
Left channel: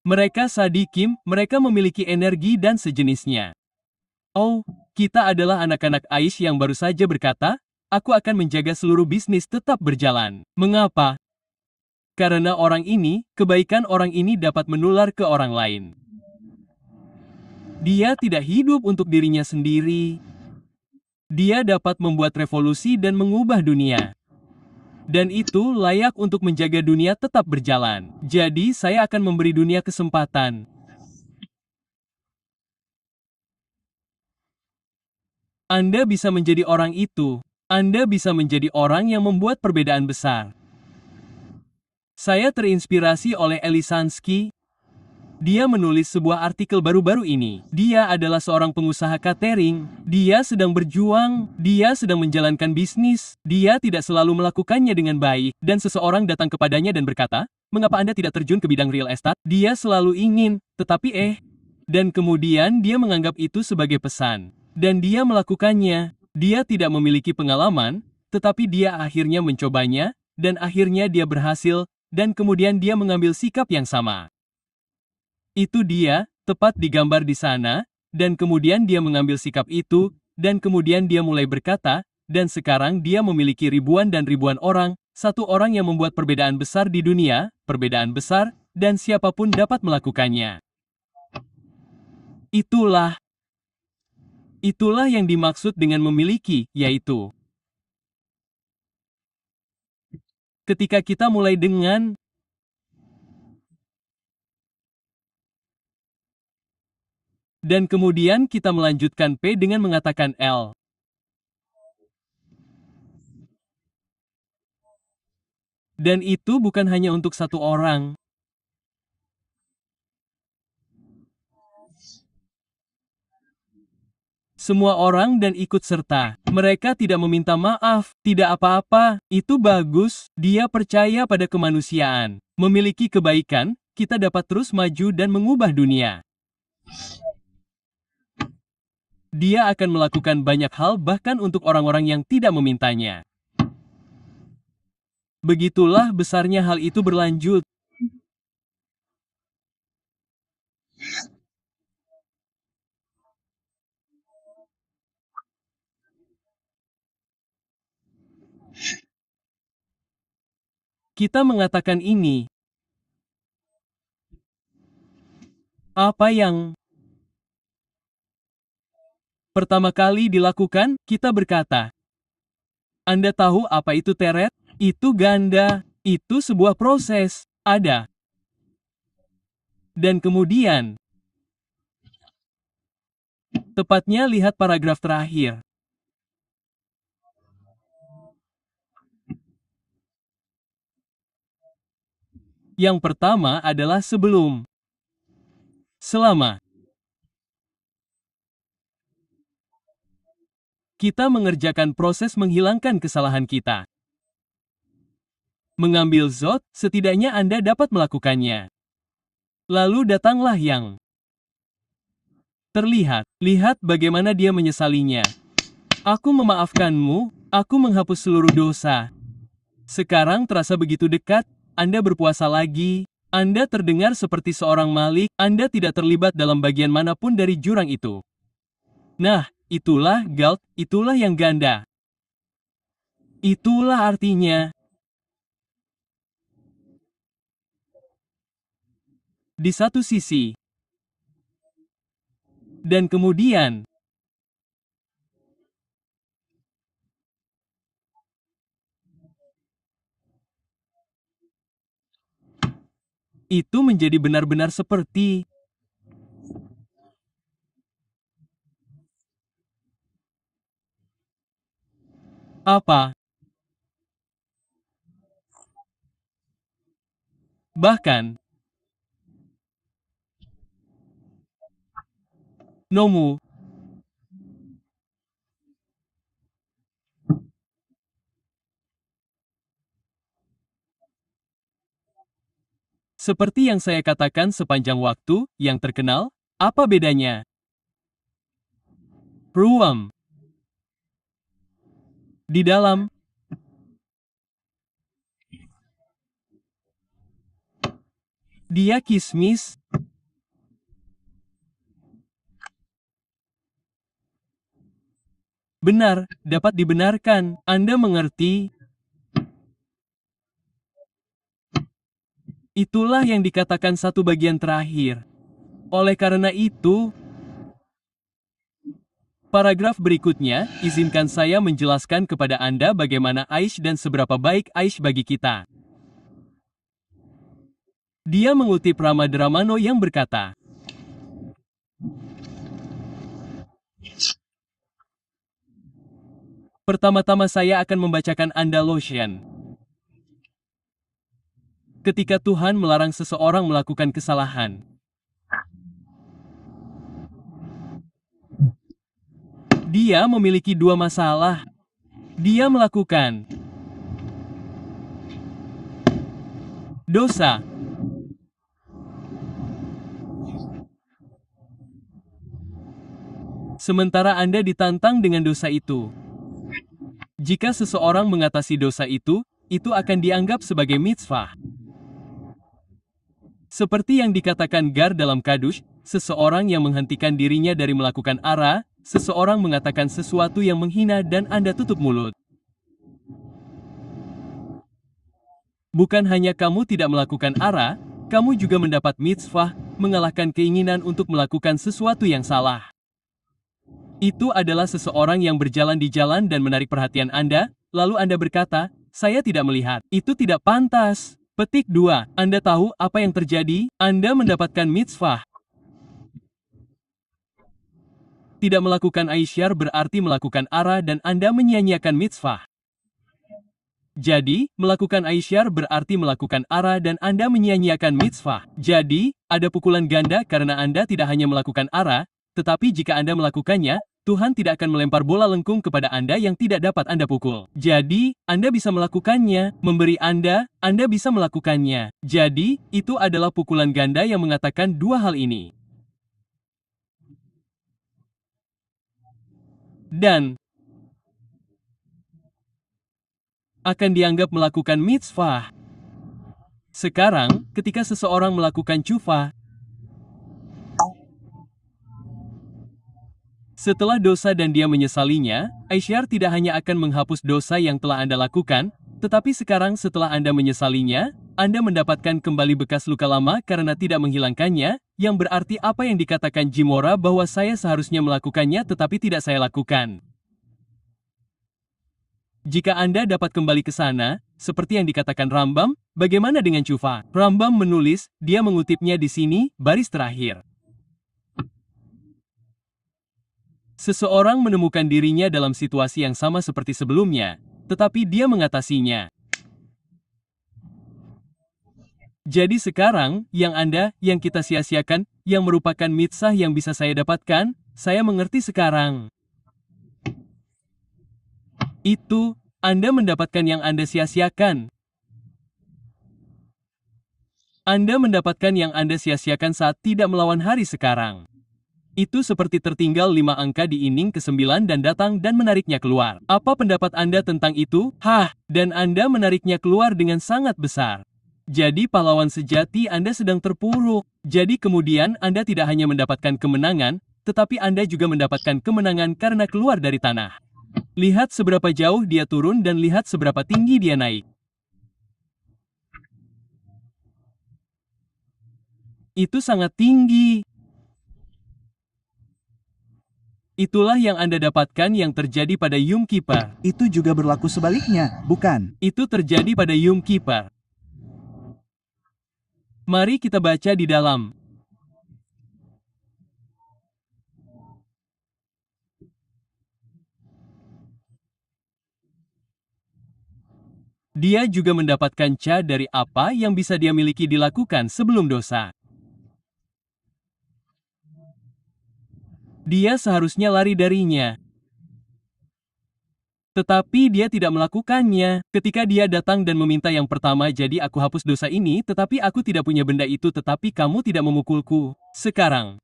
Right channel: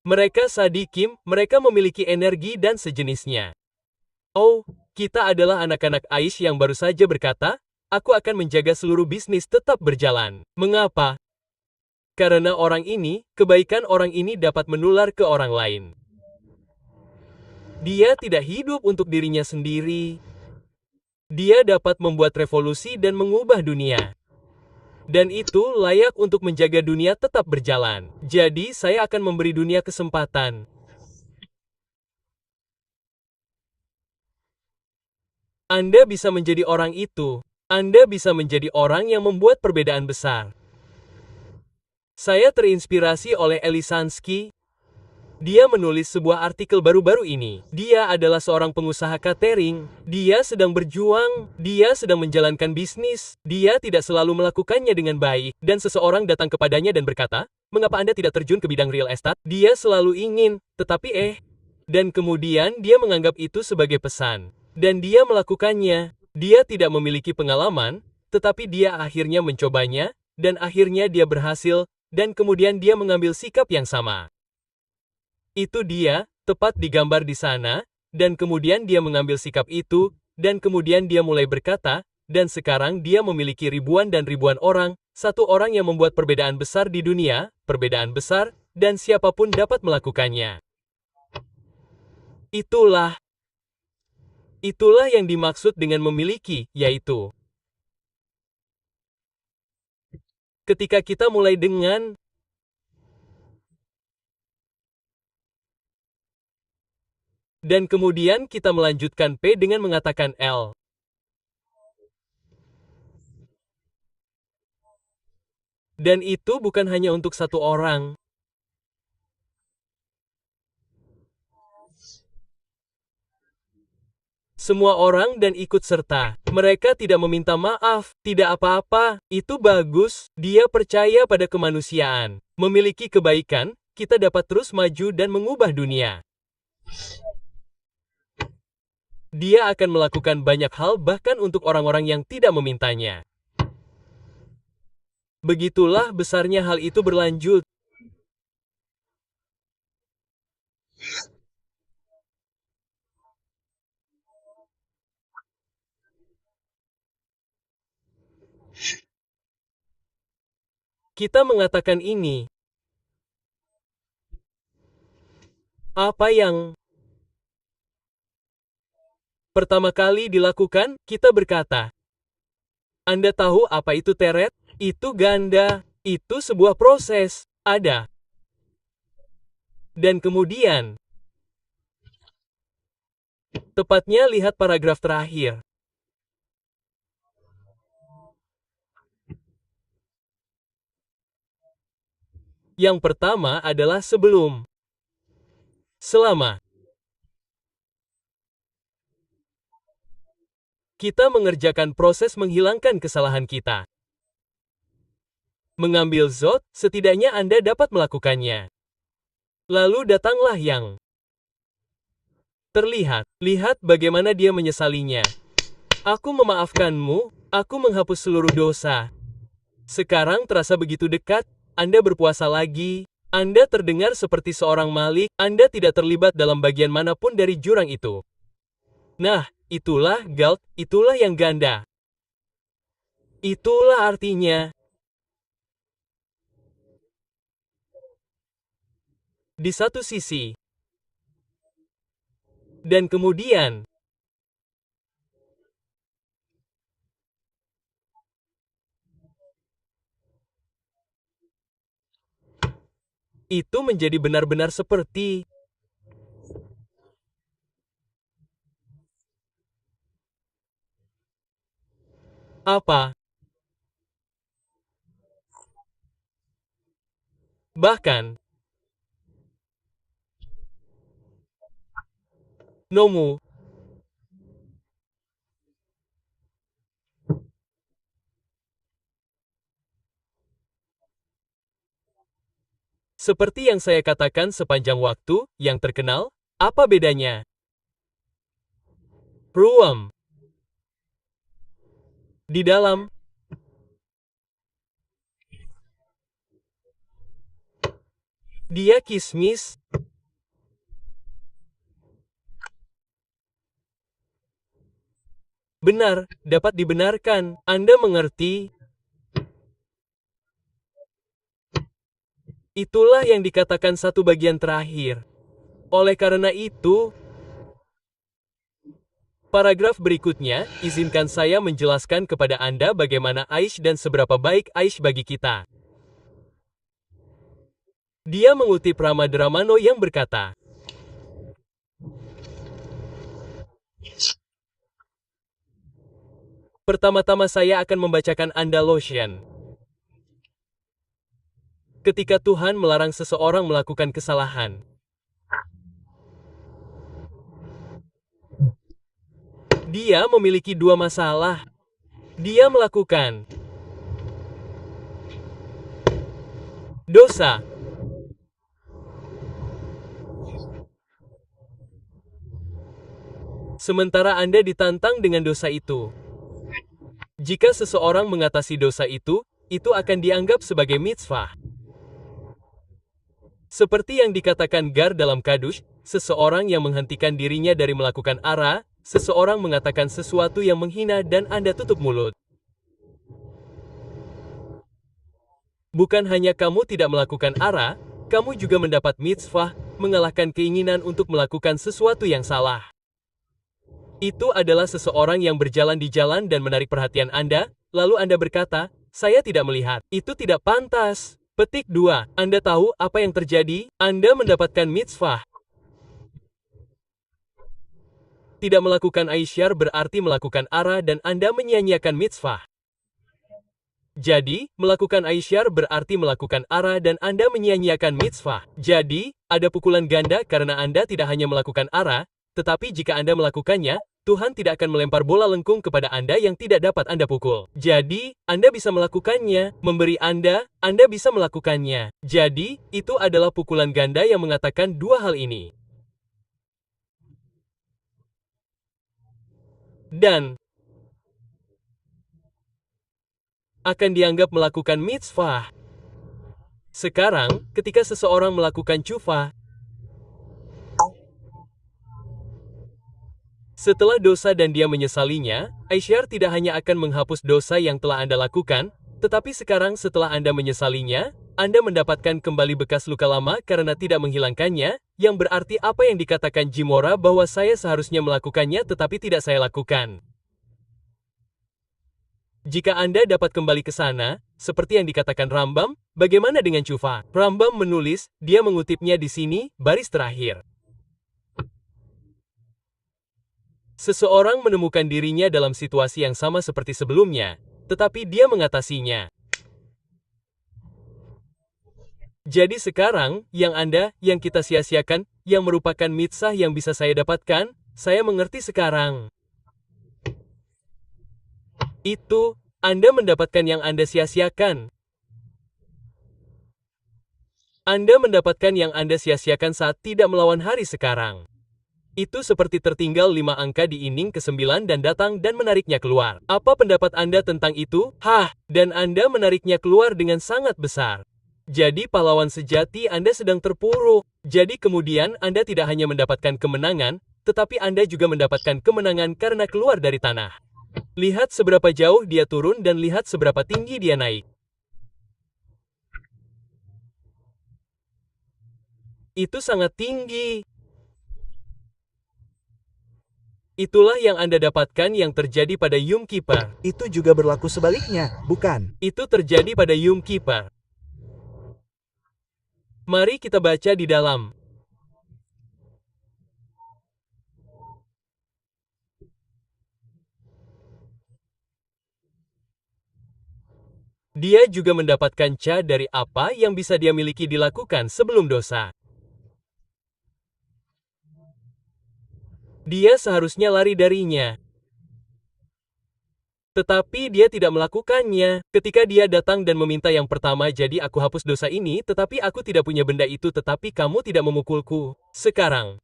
Mereka sadikim, mereka memiliki energi dan sejenisnya. Oh, kita adalah anak-anak Aish yang baru saja berkata, aku akan menjaga seluruh bisnis tetap berjalan. Mengapa? Karena orang ini, kebaikan orang ini dapat menular ke orang lain. Dia tidak hidup untuk dirinya sendiri. Dia dapat membuat revolusi dan mengubah dunia. Dan itu layak untuk menjaga dunia tetap berjalan. Jadi saya akan memberi dunia kesempatan. Anda bisa menjadi orang itu. Anda bisa menjadi orang yang membuat perbedaan besar. Saya terinspirasi oleh Elisansky. Dia menulis sebuah artikel baru-baru ini. Dia adalah seorang pengusaha catering. Dia sedang berjuang. Dia sedang menjalankan bisnis. Dia tidak selalu melakukannya dengan baik. Dan seseorang datang kepadanya dan berkata, mengapa Anda tidak terjun ke bidang real estate? Dia selalu ingin, tetapi Dan kemudian dia menganggap itu sebagai pesan. Dan dia melakukannya. Dia tidak memiliki pengalaman, tetapi dia akhirnya mencobanya, dan akhirnya dia berhasil, dan kemudian dia mengambil sikap yang sama. Itu dia, tepat digambar di sana, dan kemudian dia mengambil sikap itu, dan kemudian dia mulai berkata, dan sekarang dia memiliki ribuan dan ribuan orang, satu orang yang membuat perbedaan besar di dunia, perbedaan besar, dan siapapun dapat melakukannya. Itulah yang dimaksud dengan memiliki, yaitu ketika kita mulai dengan dan kemudian kita melanjutkan P dengan mengatakan L. Dan itu bukan hanya untuk satu orang. Semua orang dan ikut serta. Mereka tidak meminta maaf, tidak apa-apa, itu bagus, dia percaya pada kemanusiaan. Memiliki kebaikan, kita dapat terus maju dan mengubah dunia. Dia akan melakukan banyak hal bahkan untuk orang-orang yang tidak memintanya. Begitulah besarnya hal itu berlanjut. Kita mengatakan ini. Apa yang pertama kali dilakukan, kita berkata, Anda tahu apa itu teret? Itu ganda. Itu sebuah proses. Ada. Dan kemudian, tepatnya lihat paragraf terakhir. Yang pertama adalah sebelum. Selama. Kita mengerjakan proses menghilangkan kesalahan kita. Mengambil zot, setidaknya Anda dapat melakukannya. Lalu datanglah yang terlihat. Lihat bagaimana dia menyesalinya. Aku memaafkanmu, aku menghapus seluruh dosa. Sekarang terasa begitu dekat, Anda berpuasa lagi, Anda terdengar seperti seorang Malik, Anda tidak terlibat dalam bagian manapun dari jurang itu. Nah, itulah Galt, itulah yang ganda. Itulah artinya. Di satu sisi. Dan kemudian. Itu menjadi benar-benar seperti. Apa? Bahkan. Nomu. Seperti yang saya katakan sepanjang waktu, yang terkenal, apa bedanya? Ruam. Di dalam. Dia kismis. Benar, dapat dibenarkan. Anda mengerti? Itulah yang dikatakan satu bagian terakhir. Oleh karena itu, paragraf berikutnya, izinkan saya menjelaskan kepada Anda bagaimana Aish dan seberapa baik Aish bagi kita. Dia mengutip Rama Dramano yang berkata, pertama-tama saya akan membacakan Anda lotion. Ketika Tuhan melarang seseorang melakukan kesalahan, dia memiliki dua masalah. Dia melakukan dosa. Sementara Anda ditantang dengan dosa itu. Jika seseorang mengatasi dosa itu akan dianggap sebagai mitzvah. Seperti yang dikatakan Gar dalam Kadush, seseorang yang menghentikan dirinya dari melakukan ara, seseorang mengatakan sesuatu yang menghina dan Anda tutup mulut. Bukan hanya kamu tidak melakukan ara, kamu juga mendapat mitzvah, mengalahkan keinginan untuk melakukan sesuatu yang salah. Itu adalah seseorang yang berjalan di jalan dan menarik perhatian Anda, lalu Anda berkata, saya tidak melihat. Itu tidak pantas. Petik 2. Anda tahu apa yang terjadi? Anda mendapatkan mitzvah. Tidak melakukan aisyar berarti melakukan ara dan Anda menyia-nyiakan mitzvah. Jadi, melakukan aisyar berarti melakukan ara dan Anda menyia-nyiakan mitzvah. Jadi, ada pukulan ganda karena Anda tidak hanya melakukan ara, tetapi jika Anda melakukannya, Tuhan tidak akan melempar bola lengkung kepada Anda yang tidak dapat Anda pukul. Jadi, Anda bisa melakukannya, memberi Anda bisa melakukannya. Jadi, itu adalah pukulan ganda yang mengatakan dua hal ini. Dan akan dianggap melakukan mitzvah. Sekarang, ketika seseorang melakukan tshuva, setelah dosa dan dia menyesalinya, aisyar tidak hanya akan menghapus dosa yang telah Anda lakukan, tetapi sekarang setelah Anda menyesalinya, Anda mendapatkan kembali bekas luka lama karena tidak menghilangkannya, yang berarti apa yang dikatakan Jimora bahwa saya seharusnya melakukannya tetapi tidak saya lakukan. Jika Anda dapat kembali ke sana, seperti yang dikatakan Rambam, bagaimana dengan tshuva? Rambam menulis, dia mengutipnya di sini, baris terakhir. Seseorang menemukan dirinya dalam situasi yang sama seperti sebelumnya, tetapi dia mengatasinya. Jadi sekarang, yang kita sia-siakan, yang merupakan mitzvah yang bisa saya dapatkan, saya mengerti sekarang. Itu, Anda mendapatkan yang Anda sia-siakan. Anda mendapatkan yang Anda sia-siakan saat tidak melawan hari sekarang. Itu seperti tertinggal 5 angka di inning ke-9 dan datang dan menariknya keluar. Apa pendapat Anda tentang itu? Dan Anda menariknya keluar dengan sangat besar. Jadi pahlawan sejati Anda sedang terpuruk. Jadi kemudian Anda tidak hanya mendapatkan kemenangan, tetapi Anda juga mendapatkan kemenangan karena keluar dari tanah. Lihat seberapa jauh dia turun dan lihat seberapa tinggi dia naik. Itu sangat tinggi. Itulah yang Anda dapatkan yang terjadi pada Yom Kippur. Itu juga berlaku sebaliknya, bukan? Itu terjadi pada Yom Kippur. Mari kita baca di dalam. Dia juga mendapatkan ca dari apa yang bisa dia miliki dilakukan sebelum dosa. Dia seharusnya lari darinya. Tetapi dia tidak melakukannya. Ketika dia datang dan meminta yang pertama, jadi aku hapus dosa ini, tetapi aku tidak punya benda itu, tetapi kamu tidak memukulku. Sekarang.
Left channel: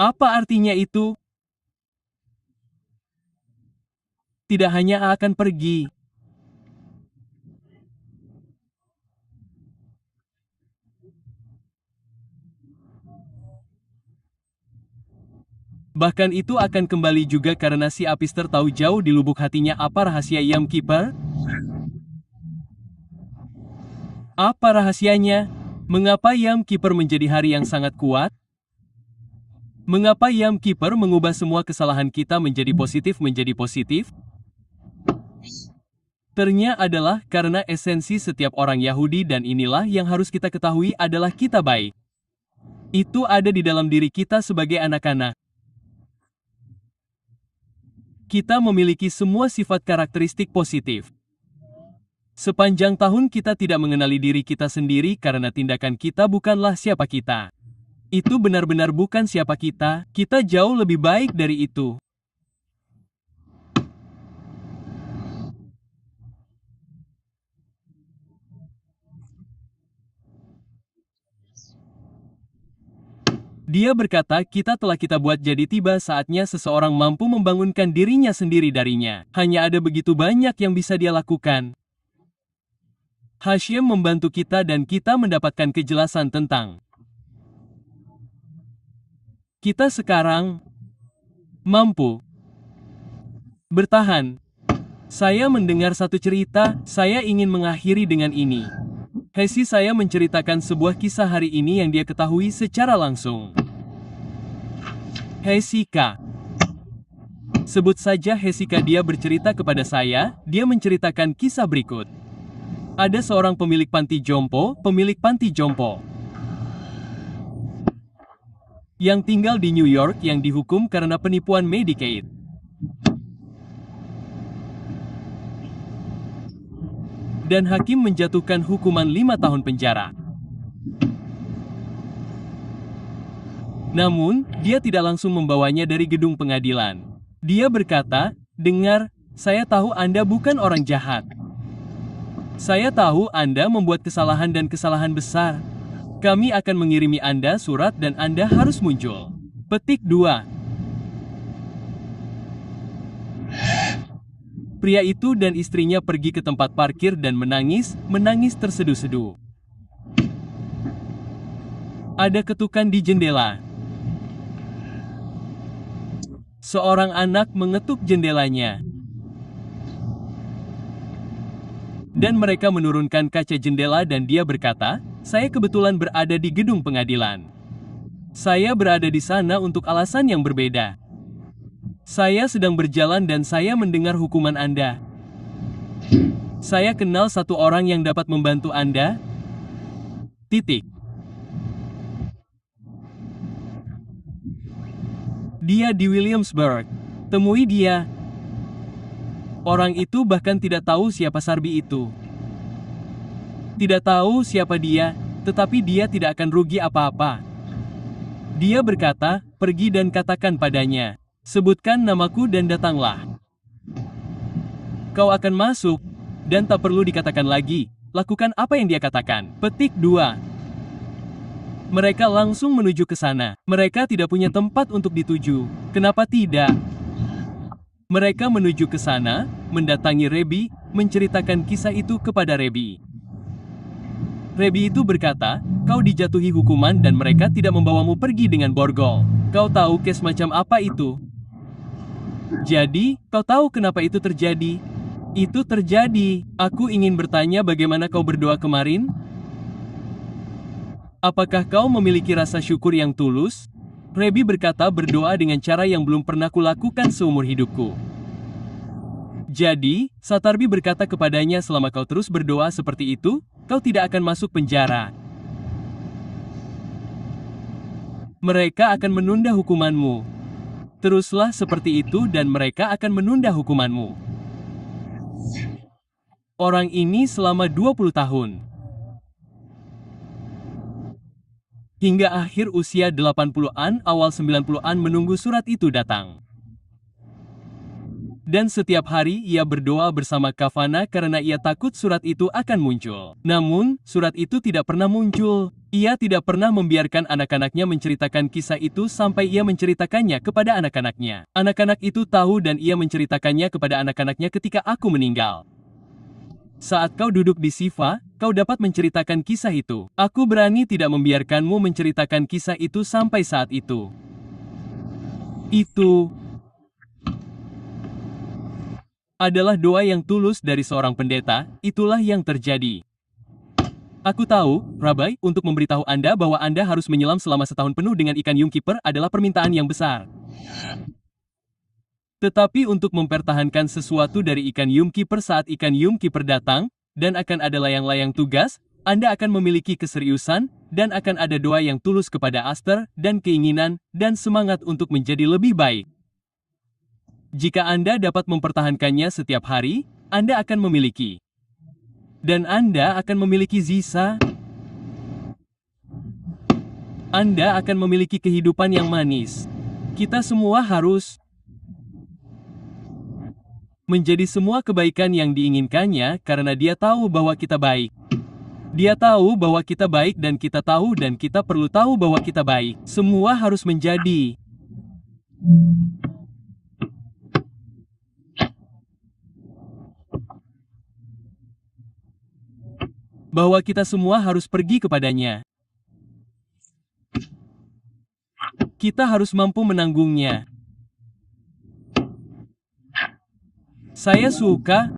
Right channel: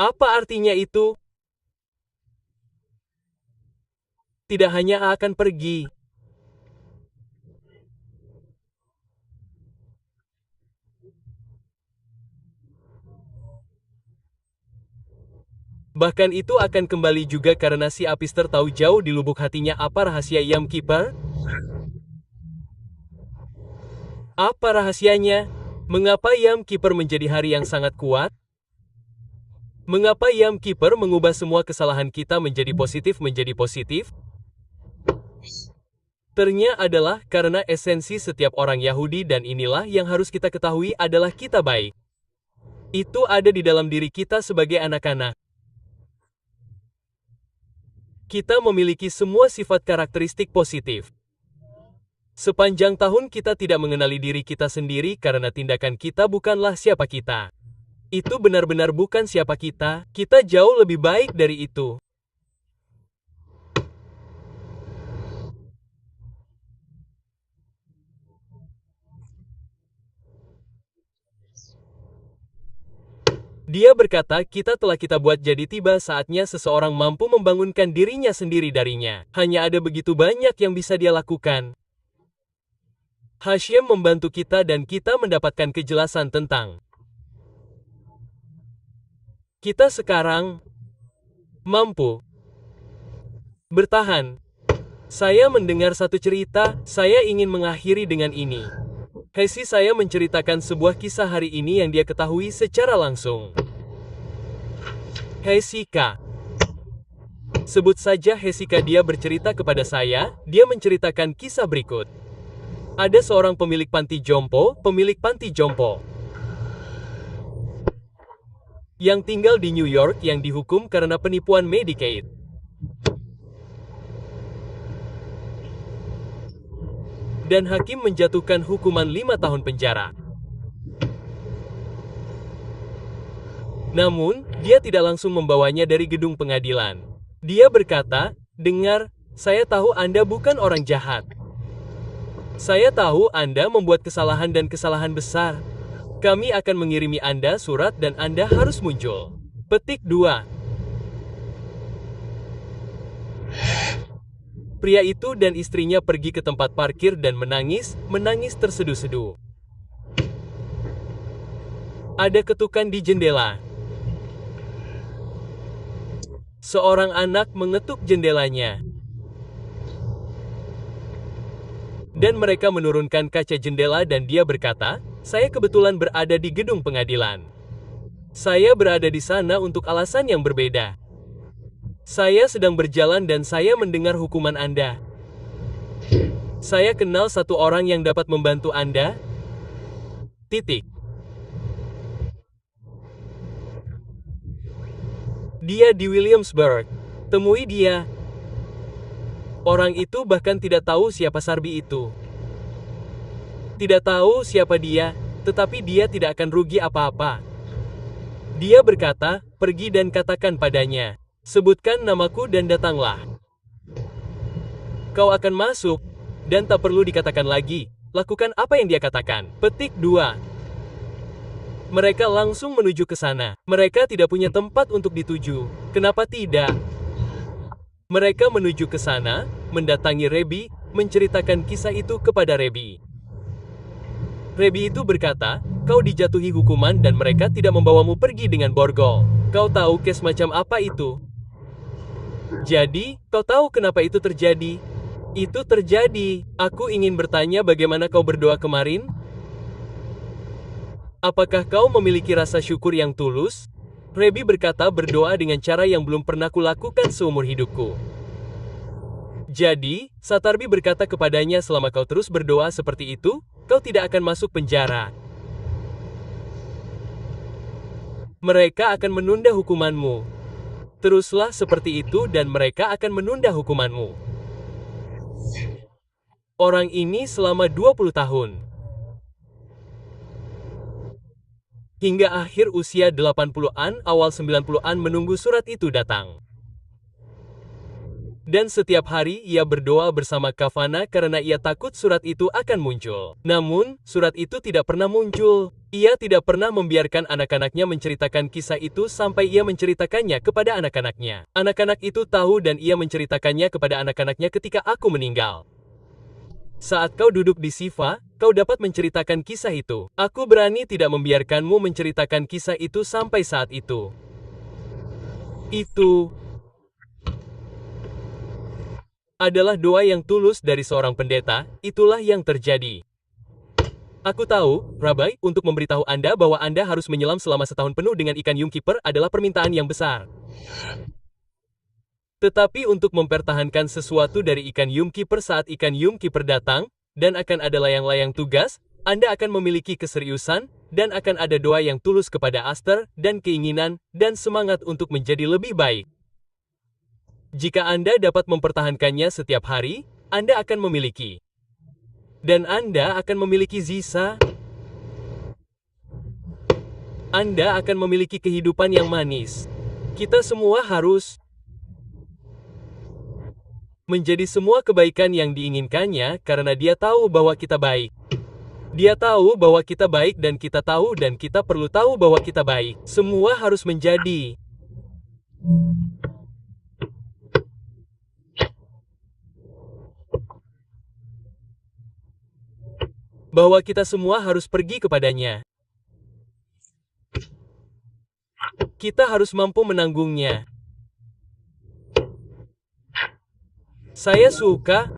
Apa artinya itu? Tidak hanya akan pergi. Bahkan itu akan kembali juga karena si Apister tahu jauh di lubuk hatinya apa rahasia Yam Keeper. Apa rahasianya? Mengapa Yam Keeper menjadi hari yang sangat kuat? Mengapa Yam Keeper mengubah semua kesalahan kita menjadi positif? Ternyata adalah karena esensi setiap orang Yahudi dan inilah yang harus kita ketahui adalah kita baik. Itu ada di dalam diri kita sebagai anak-anak. Kita memiliki semua sifat karakteristik positif. Sepanjang tahun kita tidak mengenali diri kita sendiri karena tindakan kita bukanlah siapa kita. Itu benar-benar bukan siapa kita jauh lebih baik dari itu. Dia berkata kita buat jadi tiba saatnya seseorang mampu membangunkan dirinya sendiri darinya. Hanya ada begitu banyak yang bisa dia lakukan. Hashem membantu kita dan kita mendapatkan kejelasan tentang kita sekarang mampu bertahan. Saya mendengar satu cerita, saya ingin mengakhiri dengan ini. Hesi saya menceritakan sebuah kisah hari ini yang dia ketahui secara langsung. Hesika. Sebut saja Hesika, dia bercerita kepada saya, dia menceritakan kisah berikut. Ada seorang pemilik panti jompo, yang tinggal di New York yang dihukum karena penipuan Medicaid. Dan hakim menjatuhkan hukuman 5 tahun penjara. Namun, dia tidak langsung membawanya dari gedung pengadilan. Dia berkata, "Dengar, saya tahu Anda bukan orang jahat. Saya tahu Anda membuat kesalahan dan kesalahan besar. Kami akan mengirimi Anda surat dan Anda harus muncul." Petik 2. Pria itu dan istrinya pergi ke tempat parkir dan menangis terseduh-seduh. Ada ketukan di jendela. Seorang anak mengetuk jendelanya. Dan mereka menurunkan kaca jendela dan dia berkata, "Saya kebetulan berada di gedung pengadilan. Saya berada di sana untuk alasan yang berbeda. Saya sedang berjalan dan saya mendengar hukuman Anda. Saya kenal satu orang yang dapat membantu Anda. Titik. Dia di Williamsburg. Temui dia." Orang itu bahkan tidak tahu siapa Sarbi itu. Tidak tahu siapa dia, tetapi dia tidak akan rugi apa-apa. Dia berkata, "Pergi dan katakan padanya, sebutkan namaku dan datanglah. Kau akan masuk, dan tak perlu dikatakan lagi, lakukan apa yang dia katakan." Petik 2. Mereka langsung menuju ke sana. Mereka tidak punya tempat untuk dituju. Kenapa tidak? Mereka menuju ke sana, mendatangi Rebi, menceritakan kisah itu kepada Rebi. Rebi itu berkata, "Kau dijatuhi hukuman dan mereka tidak membawamu pergi dengan borgol. Kau tahu kes macam apa itu? Jadi, kau tahu kenapa itu terjadi?" "Itu terjadi. Aku ingin bertanya bagaimana kau berdoa kemarin? Apakah kau memiliki rasa syukur yang tulus?" Rebi berkata, "Berdoa dengan cara yang belum pernah kulakukan seumur hidupku." Jadi, Satarbi berkata kepadanya, "Selama kau terus berdoa seperti itu, kau tidak akan masuk penjara. Mereka akan menunda hukumanmu. Teruslah seperti itu dan mereka akan menunda hukumanmu." Orang ini selama 20 tahun. Hingga akhir usia 80-an, awal 90-an menunggu surat itu datang. Dan setiap hari ia berdoa bersama Kavana karena ia takut surat itu akan muncul. Namun, surat itu tidak pernah muncul. Ia tidak pernah membiarkan anak-anaknya menceritakan kisah itu sampai ia menceritakannya kepada anak-anaknya. Anak-anak itu tahu dan ia menceritakannya kepada anak-anaknya ketika aku meninggal. Saat kau duduk di Siva, kau dapat menceritakan kisah itu. Aku berani tidak membiarkanmu menceritakan kisah itu sampai saat itu. Itu adalah doa yang tulus dari seorang pendeta, itulah yang terjadi. Aku tahu, Rabai, untuk memberitahu Anda bahwa Anda harus menyelam selama setahun penuh dengan ikan Yumkeeper adalah permintaan yang besar. Tetapi untuk mempertahankan sesuatu dari ikan Yumkeeper saat ikan Yumkeeper datang, dan akan ada layang-layang tugas, Anda akan memiliki keseriusan, dan akan ada doa yang tulus kepada Aster, dan keinginan, dan semangat untuk menjadi lebih baik. Jika Anda dapat mempertahankannya setiap hari, Anda akan memiliki. Dan Anda akan memiliki Zisa. Anda akan memiliki kehidupan yang manis. Kita semua harus menjadi semua kebaikan yang diinginkannya karena dia tahu bahwa kita baik. Dia tahu bahwa kita baik dan kita tahu dan kita perlu tahu bahwa kita baik. Semua harus menjadi. Bahwa kita semua harus pergi kepadanya. Kita harus mampu menanggungnya. Saya suka